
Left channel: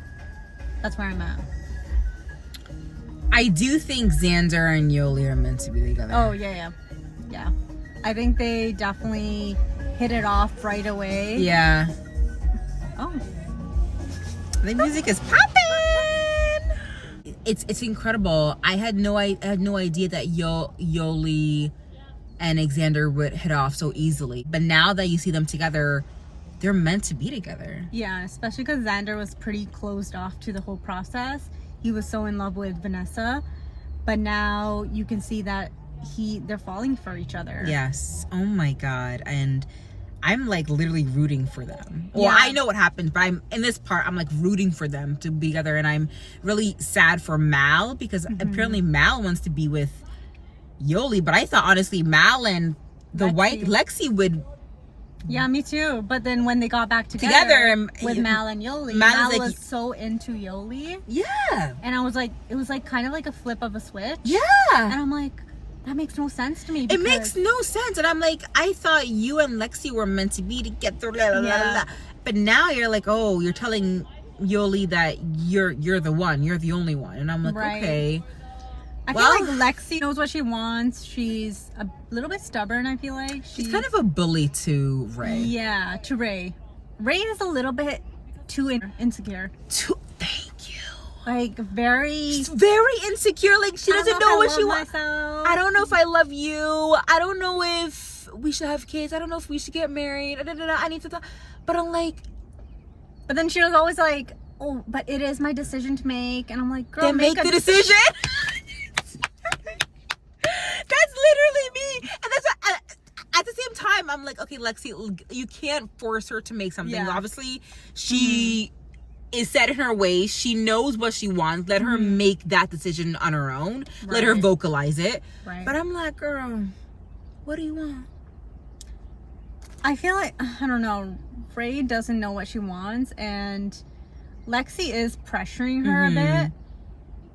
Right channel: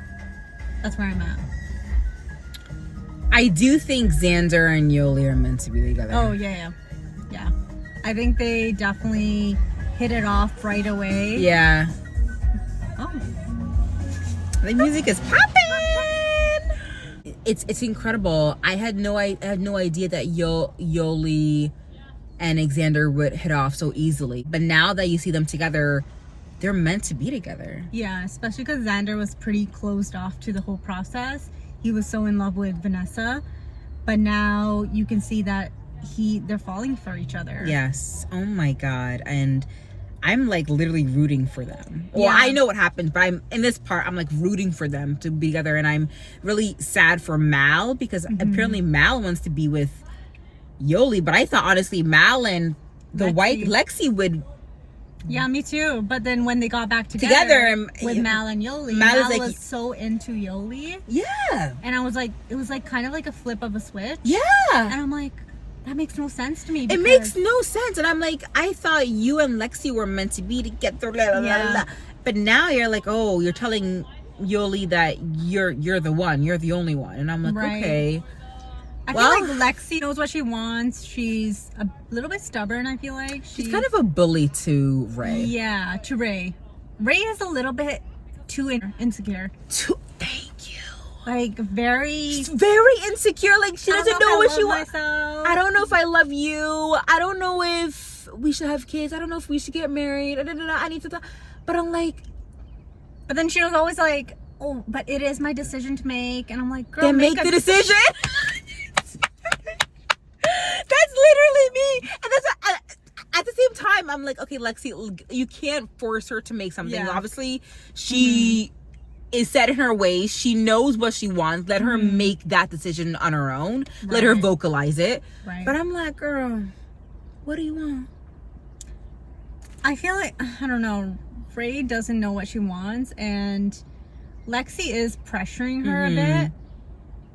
That's where I'm at. I do think Xander and Yoli are meant to be together. Oh, yeah. I think they definitely hit it off right away. Yeah. Oh. The music is popping. It's incredible. I had no idea that Yoli and Xander would hit off so easily. But now that you see them together, they're meant to be together. Yeah, especially because Xander was pretty closed off to the whole process. He was so in love with Vanessa, but now you can see that they're falling for each other. Yes. Oh my God. And I'm like literally rooting for them. Well, I know what happened, but I'm in this part, I'm like rooting for them to be together, and I'm really sad for Mal because apparently Mal wants to be with Yoli, but I thought honestly Mal and the white Lexi would. Yeah, me too. But then when they got back together with Mal and Yoli, Mal was so into Yoli. Yeah. And I was like, it was like kind of like a flip of a switch. Yeah. And I'm like, that makes no sense to me. It makes no sense. And I'm like, I thought you and Lexi were meant to be together. But now you're like, oh, you're telling Yoli that you're the one. You're the only one. And I'm like, okay. I feel like Lexi knows what she wants. She's a little bit stubborn, I feel like. She's kind of a bully to Ray. Yeah, to Ray. Ray is a little bit too insecure. Thank you. Like, very insecure. Like, she doesn't know what she wants. I don't know if I love you. I don't know if we should have kids. I don't know if we should get married. I need to talk. But I'm like... But then she was always like, oh, but it is my decision to make. And I'm like, girl, then make the decision. That's literally me. And that's at the same time, I'm like, okay, Lexi, you can't force her to make something. Yeah. Obviously, she is set in her ways. She knows what she wants. Let her make that decision on her own. Right. Let her vocalize it. Right. But I'm like, girl, what do you want? I feel like, I don't know, Ray doesn't know what she wants, and Lexi is pressuring her a bit.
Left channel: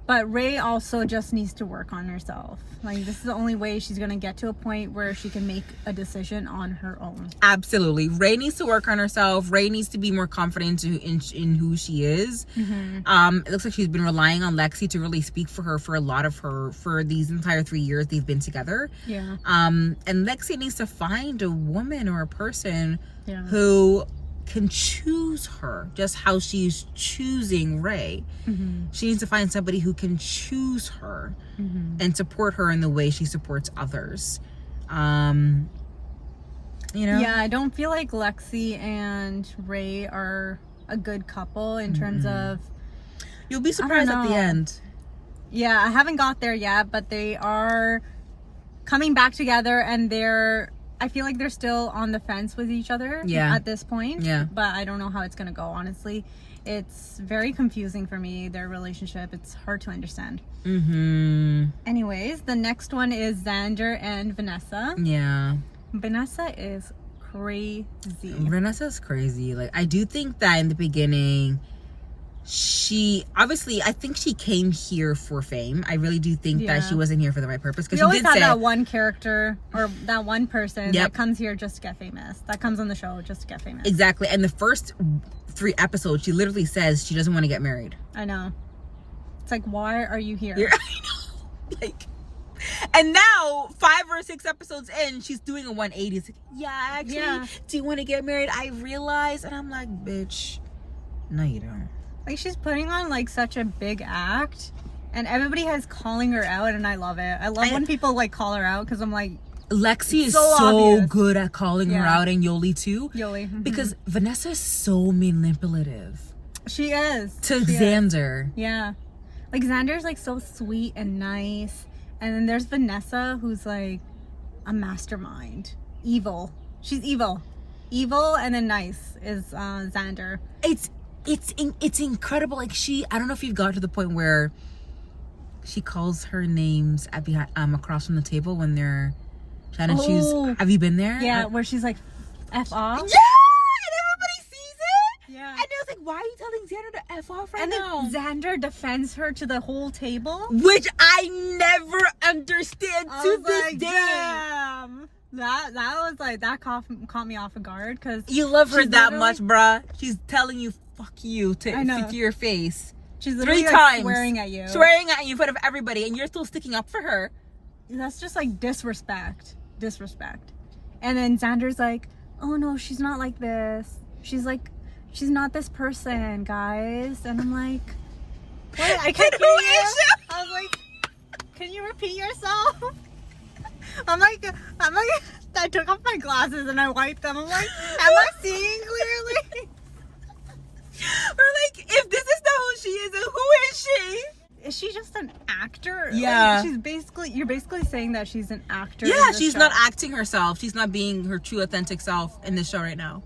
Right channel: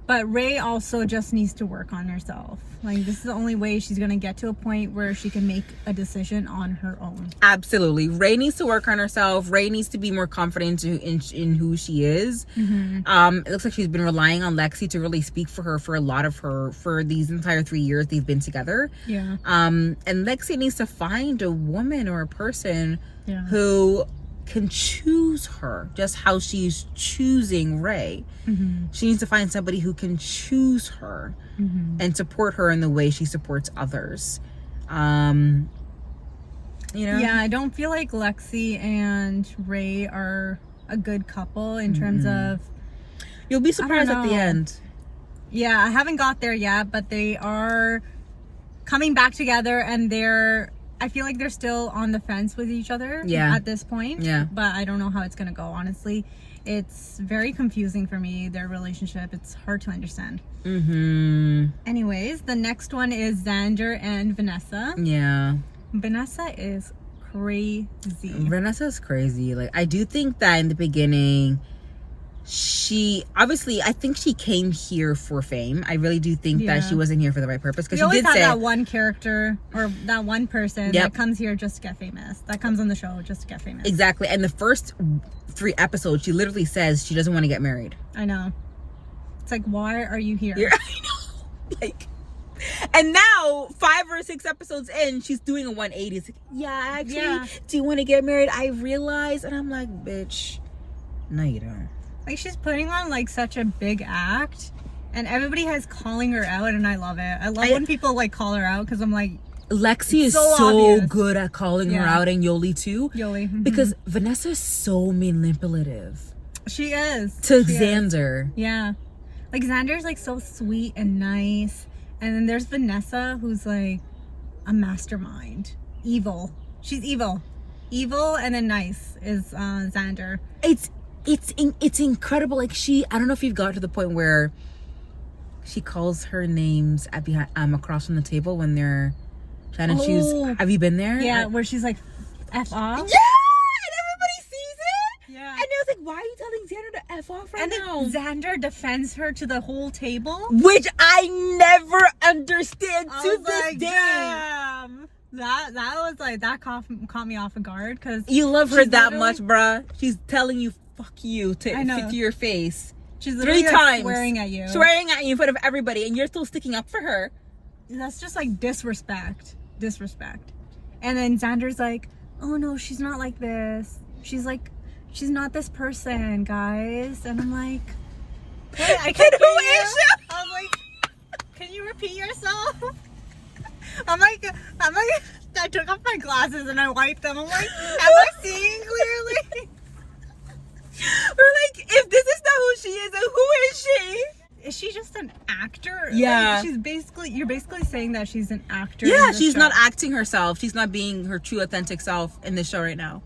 But Ray also just needs to work on herself. Like, this is the only way she's going to get to a point where she can make a decision on her own. Absolutely. Ray needs to work on herself. Ray needs to be more confident in who she is. It looks like she's been relying on Lexi to really speak for her for a lot of for these entire 3 years they've been together. Yeah. And Lexi needs to find a woman or a person who can choose her just how she's choosing Ray. She needs to find somebody who can choose her and support her in the way she supports others. You know? Yeah, I don't feel like Lexi and Ray are a good couple in terms of... You'll be surprised at the end. Yeah, I haven't got there yet, but they are coming back together, and I feel like they're still on the fence with each other at this point. Yeah. But I don't know how it's going to go, honestly. It's very confusing for me, their relationship. It's hard to understand. Anyways, the next one is Xander and Vanessa. Yeah. Vanessa is crazy. Vanessa's crazy. Like, I do think that in the beginning... I think she came here for fame. I really do think that she wasn't here for the right purpose. Because she always have that one character or that one person that comes here just to get famous. That comes on the show just to get famous. Exactly. And the first 3 episodes, she literally says she doesn't want to get married. I know. It's like, why are you here? I know. Like, and now 5 or 6 episodes in, she's doing a 180. It's like, do you want to get married? I realize, and I'm like, bitch, no, you don't. Like, she's putting on like such a big act, and everybody has calling her out, and I love it. I love when people like call her out, because I'm like, Lexi is so good at calling her out, and Yoli too. Because Vanessa is so manipulative. She is. To Xander. Yeah. Like, Xander's like so sweet and nice, and then there's Vanessa, who's like a mastermind. Evil. She's evil. Evil and then nice is Xander. It's incredible. Like, I don't know if you've got to the point where she calls her names across from the table when they're trying to choose. Have you been there? Yeah, where she's like, F off. Yeah, and everybody sees it. Yeah. And I was like, why are you telling Xander to F off right now? And then Xander defends her to the whole table. Which I never understand to this day. Damn. That was like, that caught me off guard, because you love her that much, bruh. She's telling you fuck you to your face. She's 3 times swearing at you in front of everybody, and you're still sticking up for her. That's just like disrespect. And then Xander's like, oh no, she's not like this. She's not this person, guys. And I'm like, what? I can't hear you. I was like, can you repeat yourself? I'm like, I took off my glasses and I wiped them. I'm like, am I seeing clearly? We're like, if this is not who she is, then who is she? Is she just an actor. Yeah. Like, you're basically saying that she's an actor. Yeah, in the she's show. not acting herself. She's not being her true authentic self in this show right now.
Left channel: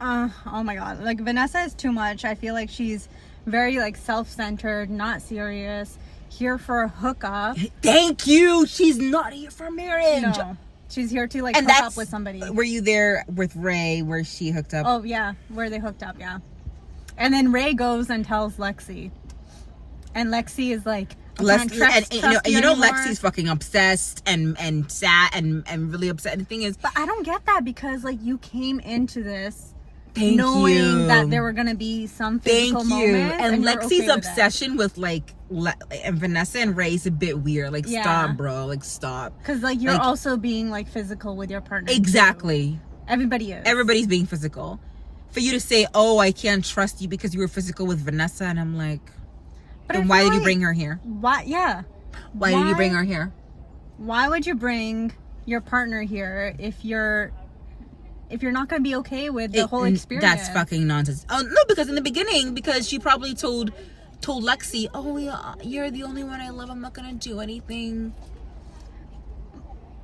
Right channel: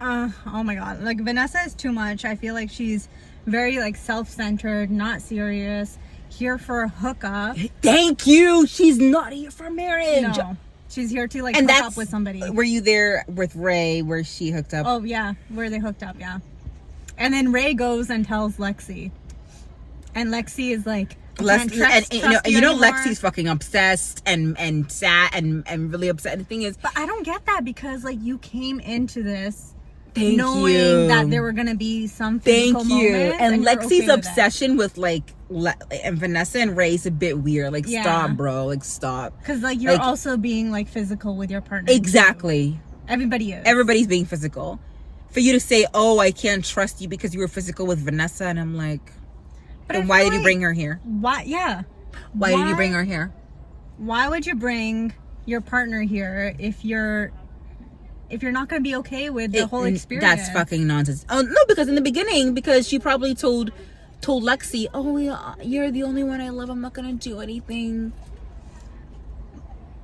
Oh my god. Like, Vanessa is too much. I feel like she's very, like, self-centered, not serious, here for a hookup. Thank you. She's not here for marriage. No. She's here to, like, And hook up with somebody. Were you there with Ray where she hooked up? Oh, yeah. Where they hooked up, yeah. And then Ray goes and tells Lexi. And Lexi is like, Lexi's fucking obsessed and sad and really upset. And the thing is, but I don't get that, because like you came into this knowing that there were gonna be some physical moments, and you're Lexi's okay with obsession with like and Vanessa and Ray is a bit weird. Like, stop, bro. Like, stop. Because like you're also being like physical with your partner. Exactly. Too. Everybody is. Everybody's being physical. For you to say, "Oh, I can't trust you because you were physical with Vanessa," and I'm like, then why did you bring her here? Why? Yeah. Why did you bring her here? Why would you bring your partner here if you're not going to be okay with the whole experience? That's fucking nonsense. Oh no, because in the beginning, because she probably told Lexi, "Oh, yeah, you're the only one I love. I'm not gonna do anything."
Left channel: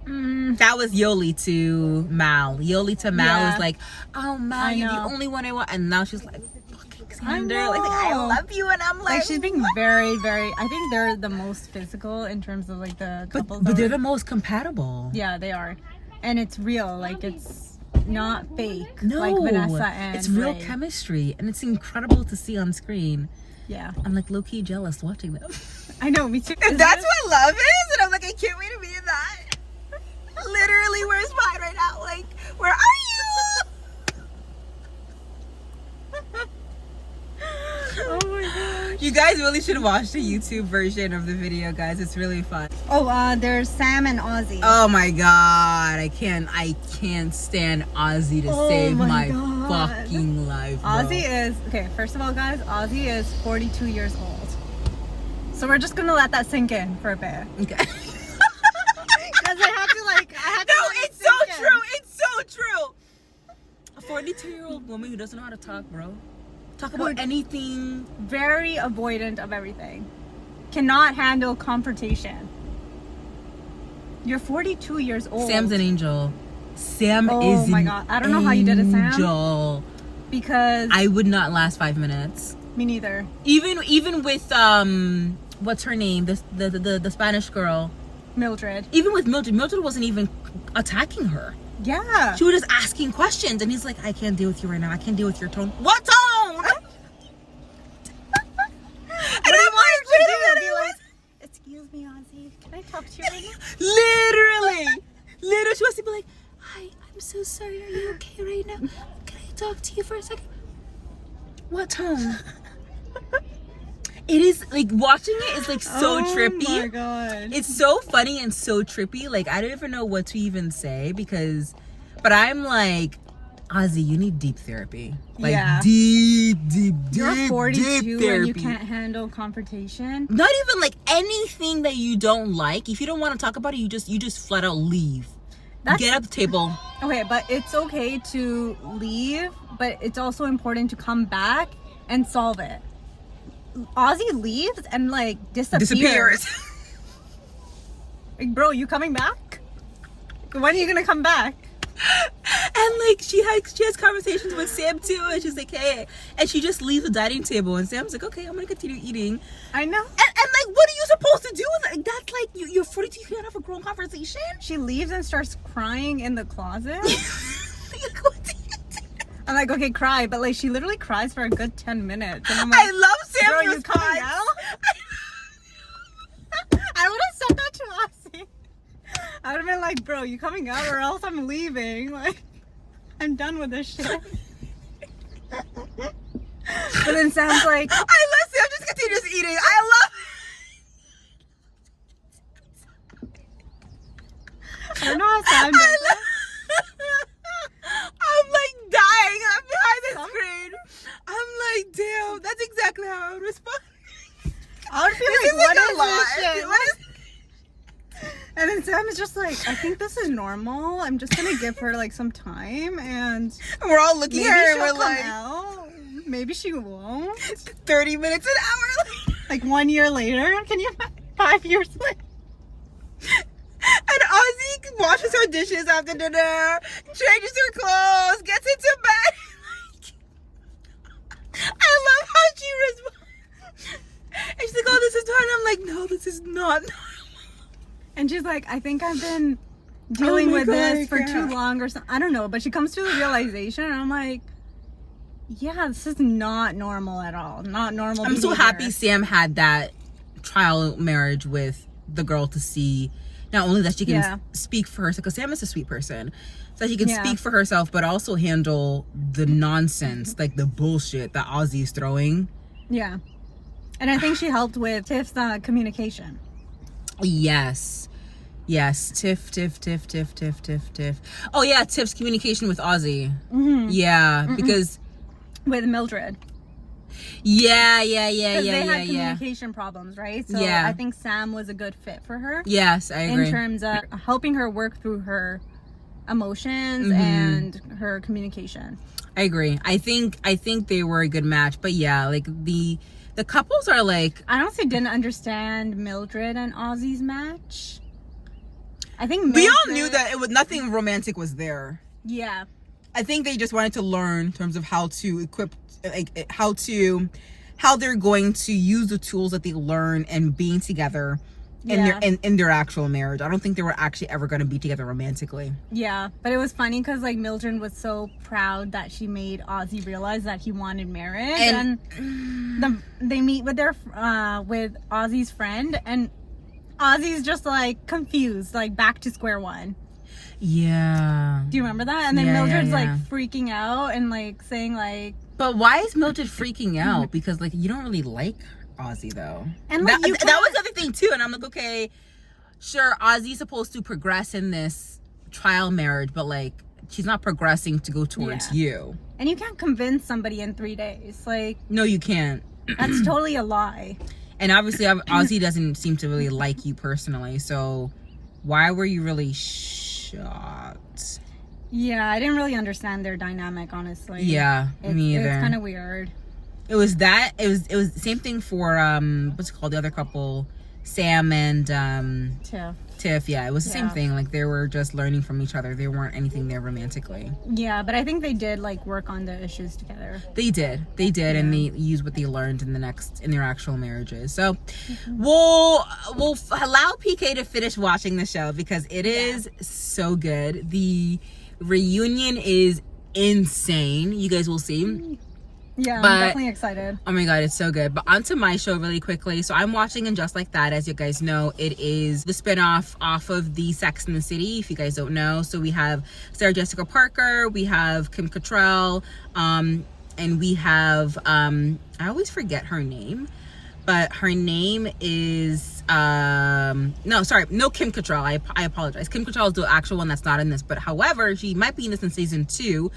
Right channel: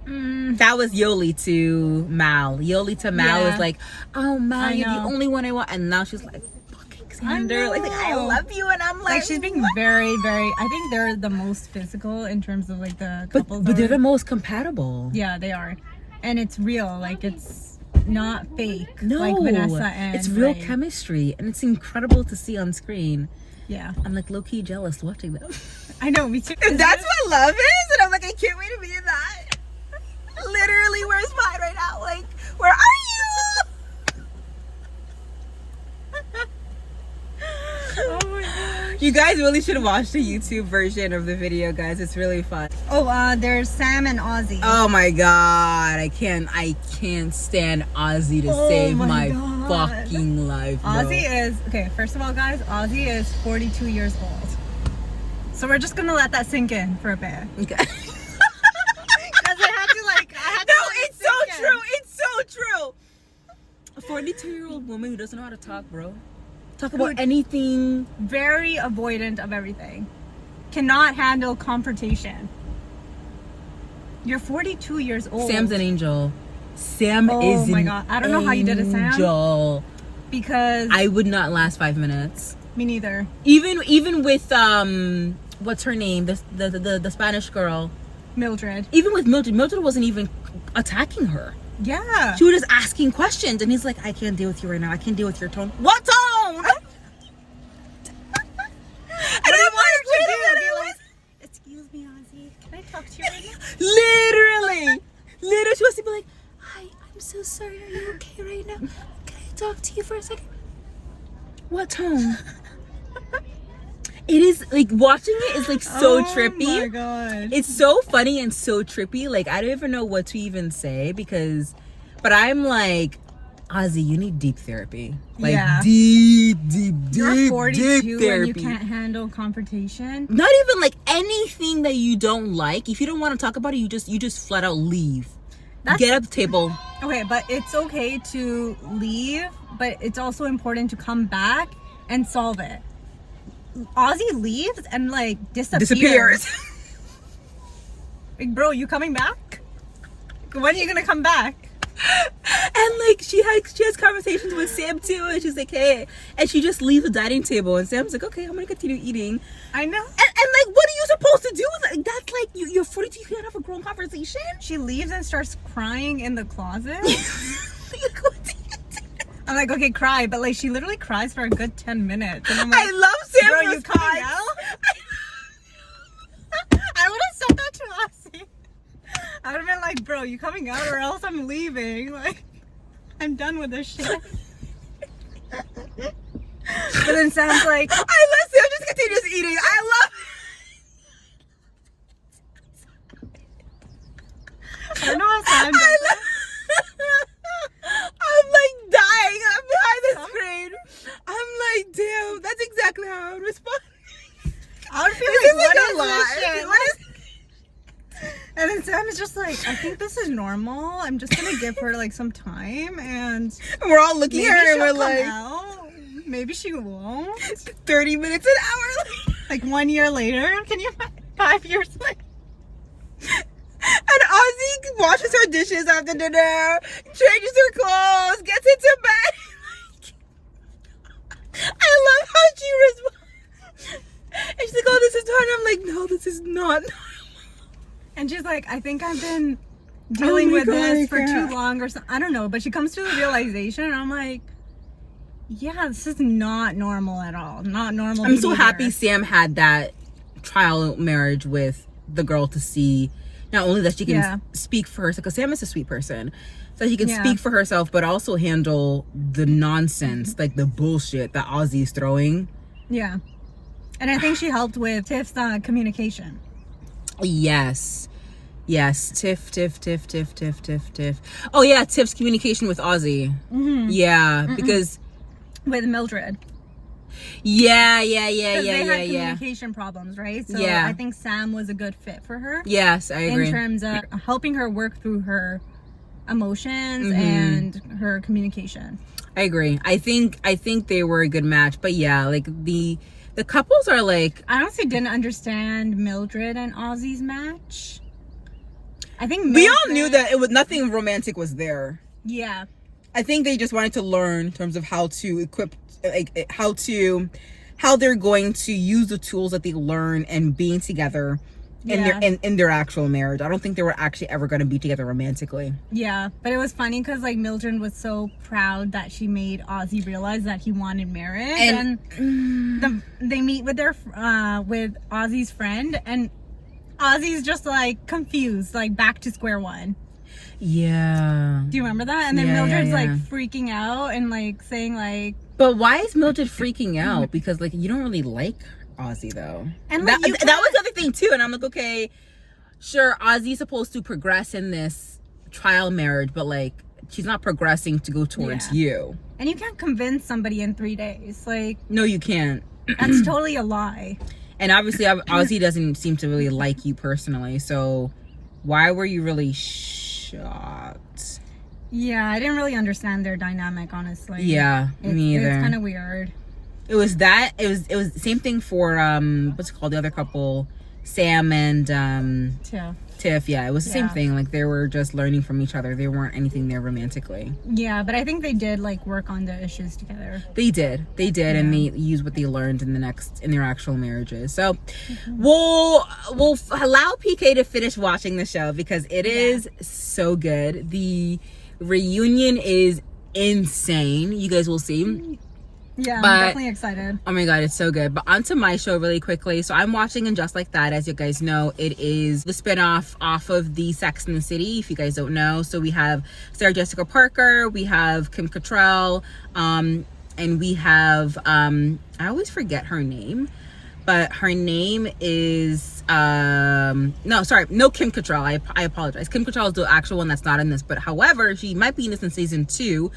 That was Yoli to Mal. Yoli to Mal was like, "Oh, Mal, you're the only one I want," and now she's like, Xander, like, I love you, and I'm like she's being very, very. I think they're the most physical in terms of like the couples. But they're the most compatible. Yeah, they are, and it's real. Like, it's not fake. No, like Vanessa and it's real Ray. chemistry, and it's incredible to see on screen. Yeah, I'm like low key jealous watching them. I know, me too. And that's what love is, and I'm like, I can't wait to be in that. Literally, where's mine right now? Like, where are you? Oh my gosh. You guys really should watch the YouTube version of the video, guys. It's really fun. Oh, there's Sam and Ozzy. Oh my god, I can't stand Ozzy to save my fucking life, bro. Ozzy is okay. First of all, guys, Ozzy is 42 years old. So we're just gonna let that sink in for a bit. Okay. Because it's so true. It's so true. A 42-year-old woman who doesn't know how to talk, bro. Talk about anything. Very avoidant of everything. Cannot handle confrontation. You're 42 years old. Sam's an angel. Sam is Oh my god. I don't know how you did it, Sam. Angel. Because I would not last 5 minutes. me neither. Even with what's her name? The Spanish girl. Mildred. Even with Mildred wasn't even attacking her. Yeah. She was just asking questions, and he's like, "I can't deal with you right now. I can't deal with your tone." What tone? And I'm like, wait a minute. Like, excuse me, Ozzy. Can I talk to you right now? Literally, she wants to be like, "Hi, I'm so sorry. Are you okay right now? Can I talk to you for a second?" What tone? It is like watching it is like so trippy. Oh my god. It's so funny and so trippy. Like, I don't even know what to even say but I'm like, Ozzy, you need deep therapy. Like, deep You're 42 deep therapy. and you can't handle confrontation. Not even like anything that you don't like. If you don't want to talk about it, you just flat out leave. Get at the table. Okay, but it's okay to leave, but it's also important to come back and solve it. Ozzy leaves and like disappears. Like, bro, you coming back? When are you gonna come back? And like she has conversations with Sam too, and she's like, "Hey," and she just leaves the dining table, and Sam's like, "Okay, I'm gonna continue eating." I know. And like, what are you supposed to do with it? That's like you're 42, you can't have a grown conversation. She leaves and starts crying in the closet. I'm like, okay, cry, but like she literally cries for a good 10 minutes. And I'm like, I love Sam's bro, you coming response. out? I would have said that to Ozzy. I would have been like, bro, you coming out or else I'm leaving. Like, I'm done with this shit. But then Sam's like, I love Sam just continues eating. I love I don't know how Sam I'm like dying. I'm behind the screen. I'm like, damn, that's exactly how I would respond. I would be This like, what isn't a is lie. this shit? What is- And then Sam is just like, I think this is normal. I'm just gonna give her like some time, and We're all looking maybe at her and she'll we're come like, out. Maybe she won't. 30 minutes an hour. Like 1 year later, can you imagine? 5 years later. And Ozzy washes her dishes after dinner, changes her clothes, gets into bed. I love how she responds. And she's like, oh, this is hard. I'm like, no, this is not. And she's like, I think I've been dealing with this for too long or something. I don't know. But she comes to the realization, and I'm like, yeah, this is not normal at all. Not normal. I'm so happy Sam had that trial marriage with the girl to see not only that she can speak for herself, because Sam is a sweet person, so that she can speak for herself, but also handle the nonsense, like the bullshit that Ozzy's throwing. Yeah. And I think she helped with Tiff's communication. Yes. Tiff. Oh yeah, Tiff's communication with Ozzy. Yeah, because with Mildred. Yeah. They had communication problems, right? So I think Sam was a good fit for her. Yes, I agree. In terms of helping her work through her emotions and her communication. I agree. I think they were a good match. But yeah, like the couples are like, I honestly didn't understand Mildred and Ozzy's match. I think we all knew that it was nothing romantic was there. Yeah. I think they just wanted to learn in terms of how to equip, like how they're going to use the tools that they learn and being together in their actual marriage. I don't think they were actually ever going to be together romantically. Yeah, but it was funny because like Mildred was so proud that she made Ozzy realize that he wanted marriage, and they meet with their with Ozzy's friend, and Ozzy's just like confused, like back to square one. Yeah. Do you remember that? And then Mildred's like freaking out and like saying like, but why is Mildred freaking out? Because like you don't really like Ozzy though. And like, that was the other thing too. And I'm like, okay, sure, Ozzy's supposed to progress in this trial marriage, but like she's not progressing to go towards you. And you can't convince somebody in 3 days. Like, no, you can't. That's totally a lie. And obviously Ozzy doesn't seem to really like you personally, so why were you really shocked? Yeah, I didn't really understand their dynamic, honestly. Yeah, me either. It's kind of weird. It was the same thing for what's it called, the other couple, Sam and Tiff. Yeah, it was the same thing. Like they were just learning from each other. They weren't anything there romantically. Yeah, but I think they did like work on the issues together. They did, and they used what they learned in their actual marriages. So we'll allow PK to finish watching the show because it is so good. The reunion is insane. You guys will see. Yeah, I'm definitely excited. Oh my god, it's so good. But onto my show really quickly. So I'm watching And Just Like That. As you guys know, it is the spinoff off of the Sex and the City, if you guys don't know. So we have Sarah Jessica Parker, we have Kim Cattrall, and we have I always forget her name, but her name is no Kim Cattrall. I apologize. Kim Cattrall is the actual one that's not in this, but however, she might be in this in season 2.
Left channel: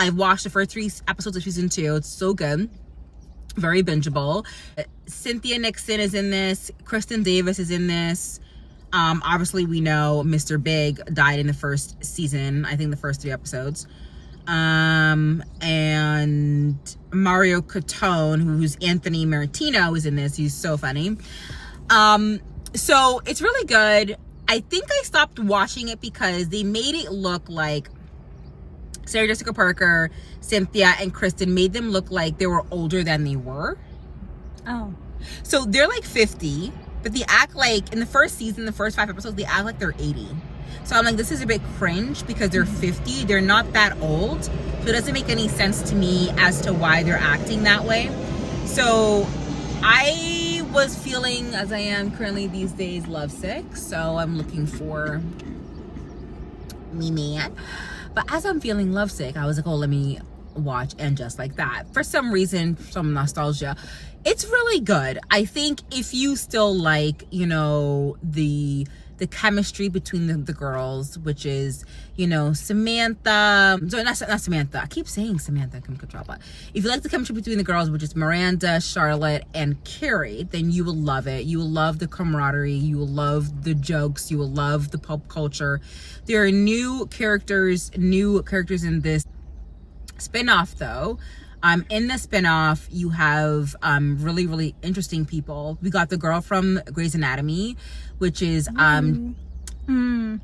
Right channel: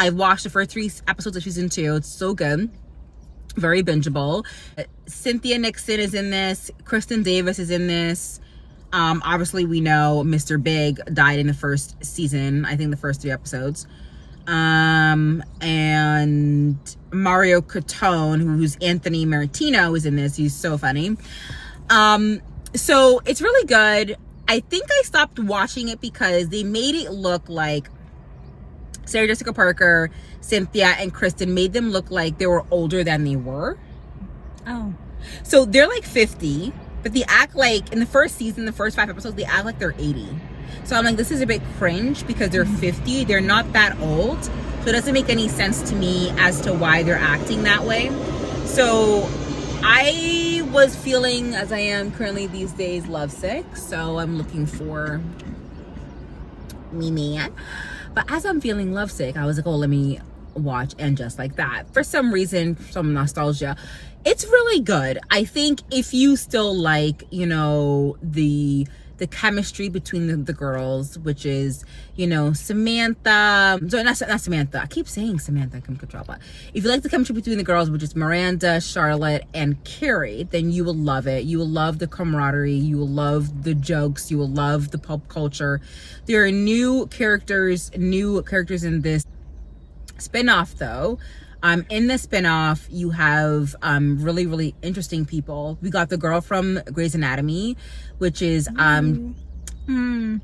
I watched the first 3 episodes of season 2. It's so good. Very bingeable. Cynthia Nixon is in this. Kristen Davis is in this. Obviously, we know Mr. Big died in the first season. I think the first 3 episodes. And Mario Catone, who's Anthony Martino, is in this. He's so funny. So it's really good. I think I stopped watching it because they made it look like Sarah Jessica Parker, Cynthia, and Kristen made them look like they were older than they were. Oh. So they're like 50, but they act like, in the first season, the first 5 episodes, they act like they're 80. So I'm like, this is a bit cringe because they're 50. They're not that old. So it doesn't make any sense to me as to why they're acting that way. So I was feeling, as I am currently these days, lovesick. So I'm looking for me man. But as I'm feeling lovesick, I was like, oh, let me watch And Just Like That. For some reason, some nostalgia. It's really good. I think if you still like, you know, the chemistry between the girls, which is, you know, Samantha. Sorry, not Samantha. I keep saying Samantha. But if you like the chemistry between the girls, which is Miranda, Charlotte, and Carrie, then you will love it. You will love the camaraderie. You will love the jokes. You will love the pop culture. There are new characters in this spinoff, though. In the spinoff, you have really, really interesting people. We got the girl from Grey's Anatomy, which is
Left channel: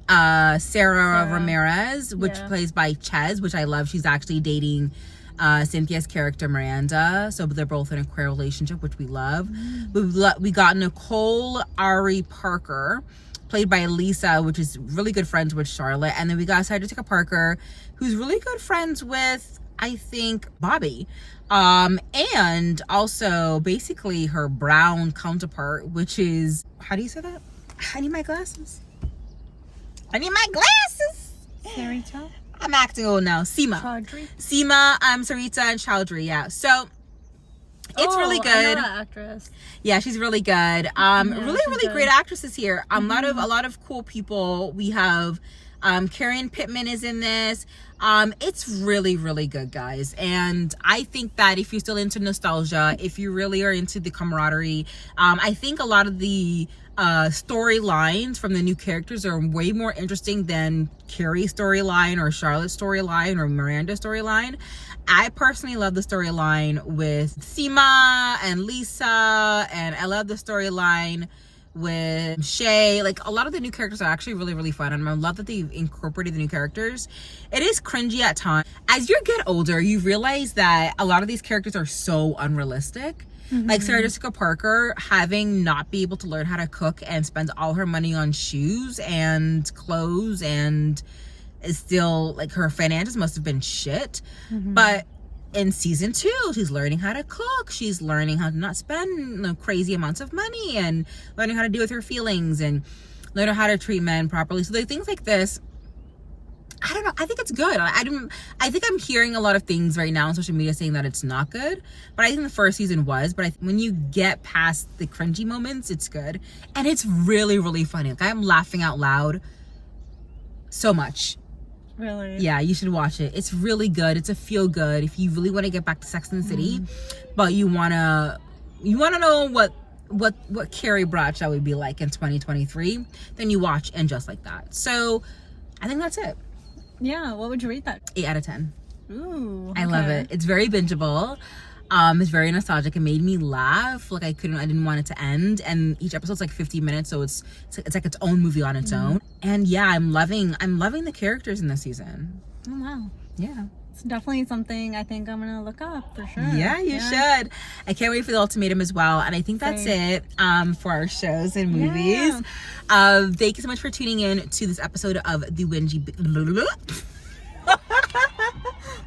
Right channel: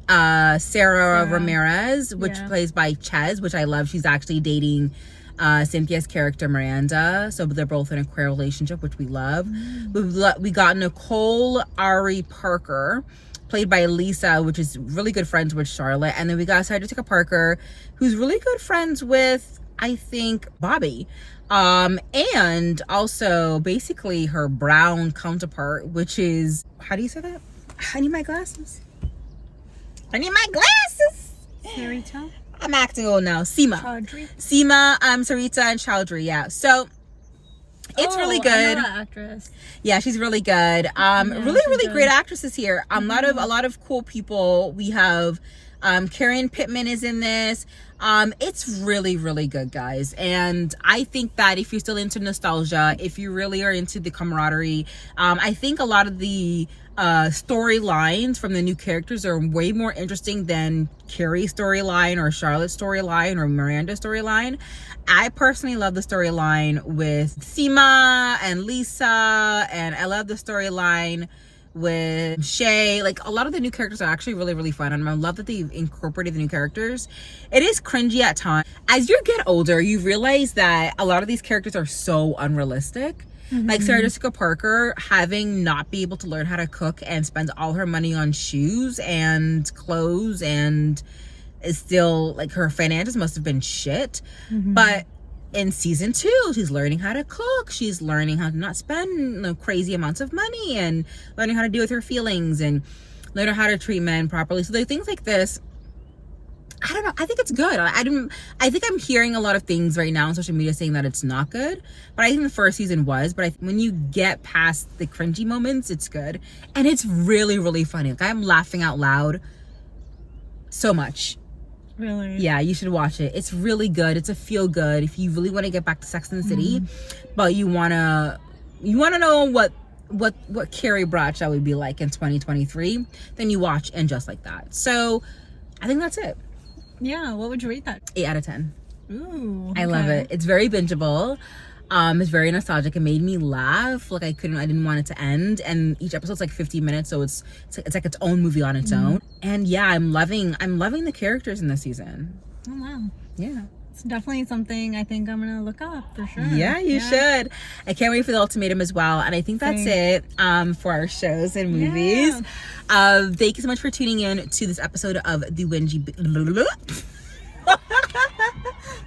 Sarah Ramirez, which plays by Ches, which I love. She's actually dating Cynthia's character Miranda, so they're both in a queer relationship, which we love. We got Nicole Ari Parker, played by Lisa, which is really good friends with Charlotte. And then we got Sarah Jessica Parker, who's really good friends with, I think, Bobby. And also basically her brown counterpart, which is, how do you say that? I need my glasses. Sarita? I'm acting old now. Seema, Sarita, and Chowdhury. Yeah. So it's really good. I know that actress. Yeah, she's really good. Really great actresses here. A lot of cool people. We have Karen Pittman is in this. It's really, really good, guys. And I think that if you're still into nostalgia, if you really are into the camaraderie, I think a lot of the storylines from the new characters are way more interesting than Carrie's storyline or Charlotte's storyline or Miranda's storyline. I personally love the storyline with Seema and Lisa, and I love the storyline with Shay. Like, a lot of the new characters are actually really, really fun, and I love that they've incorporated the new characters. It is cringy at times. As you get older, you realize that a lot of these characters are so unrealistic. Like Sarah Jessica Parker having not be able to learn how to cook and spends all her money on shoes and clothes, and is still, like, her finances must have been shit. But in season 2, she's learning how to cook. She's learning how to not spend crazy amounts of money, and learning how to deal with her feelings, and learning how to treat men properly. So like things like this, I don't know. I think it's good. I think I'm hearing a lot of things right now on social media saying that it's not good, but I think the first season was. But when you get past the cringy moments, it's good, and it's really, really funny. Like, I'm laughing out loud so much. Really? Yeah, you should watch it. It's really good. It's a feel good. If you really want to get back to Sex and the City, but you wanna know what Carrie Bradshaw would be like in 2023, then you watch And Just Like That. So I think that's it. Yeah, what would you rate that? 8 out of 10. Ooh, I love it. It's very bingeable. It's very nostalgic. It made me laugh. Like, I didn't want it to end. And each episode's like 50 minutes, so it's like its own movie on its own. And yeah, I'm loving the characters in this season. Oh wow. Yeah. It's definitely something I think I'm gonna look up for sure. Yeah, you should. I can't wait for the Ultimatum as well. And I think that's it for our shows and movies. Thank you so much for tuning in to this episode of the Wingy.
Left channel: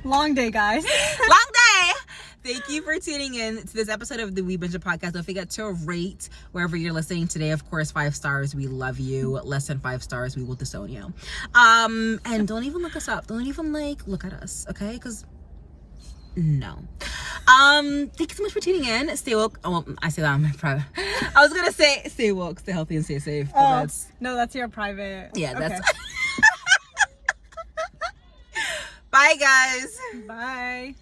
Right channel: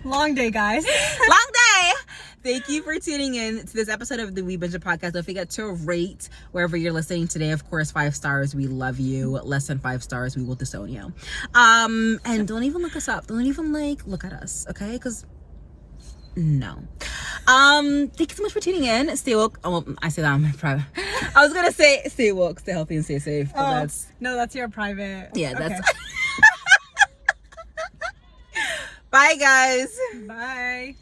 Long day, guys. Long day. Thank you for tuning in to this episode of the We Binge Podcast. Don't forget to rate wherever you're listening today. Of course, 5 stars. We love you. Less than 5 stars, we will disown you. And don't even look us up. Don't even look at us, okay? Because no. Thank you so much for tuning in. Stay woke. Oh, I say that on my private. I was gonna say stay woke, stay healthy, and stay safe. But that's your private. Yeah, that's. Bye, guys. Bye.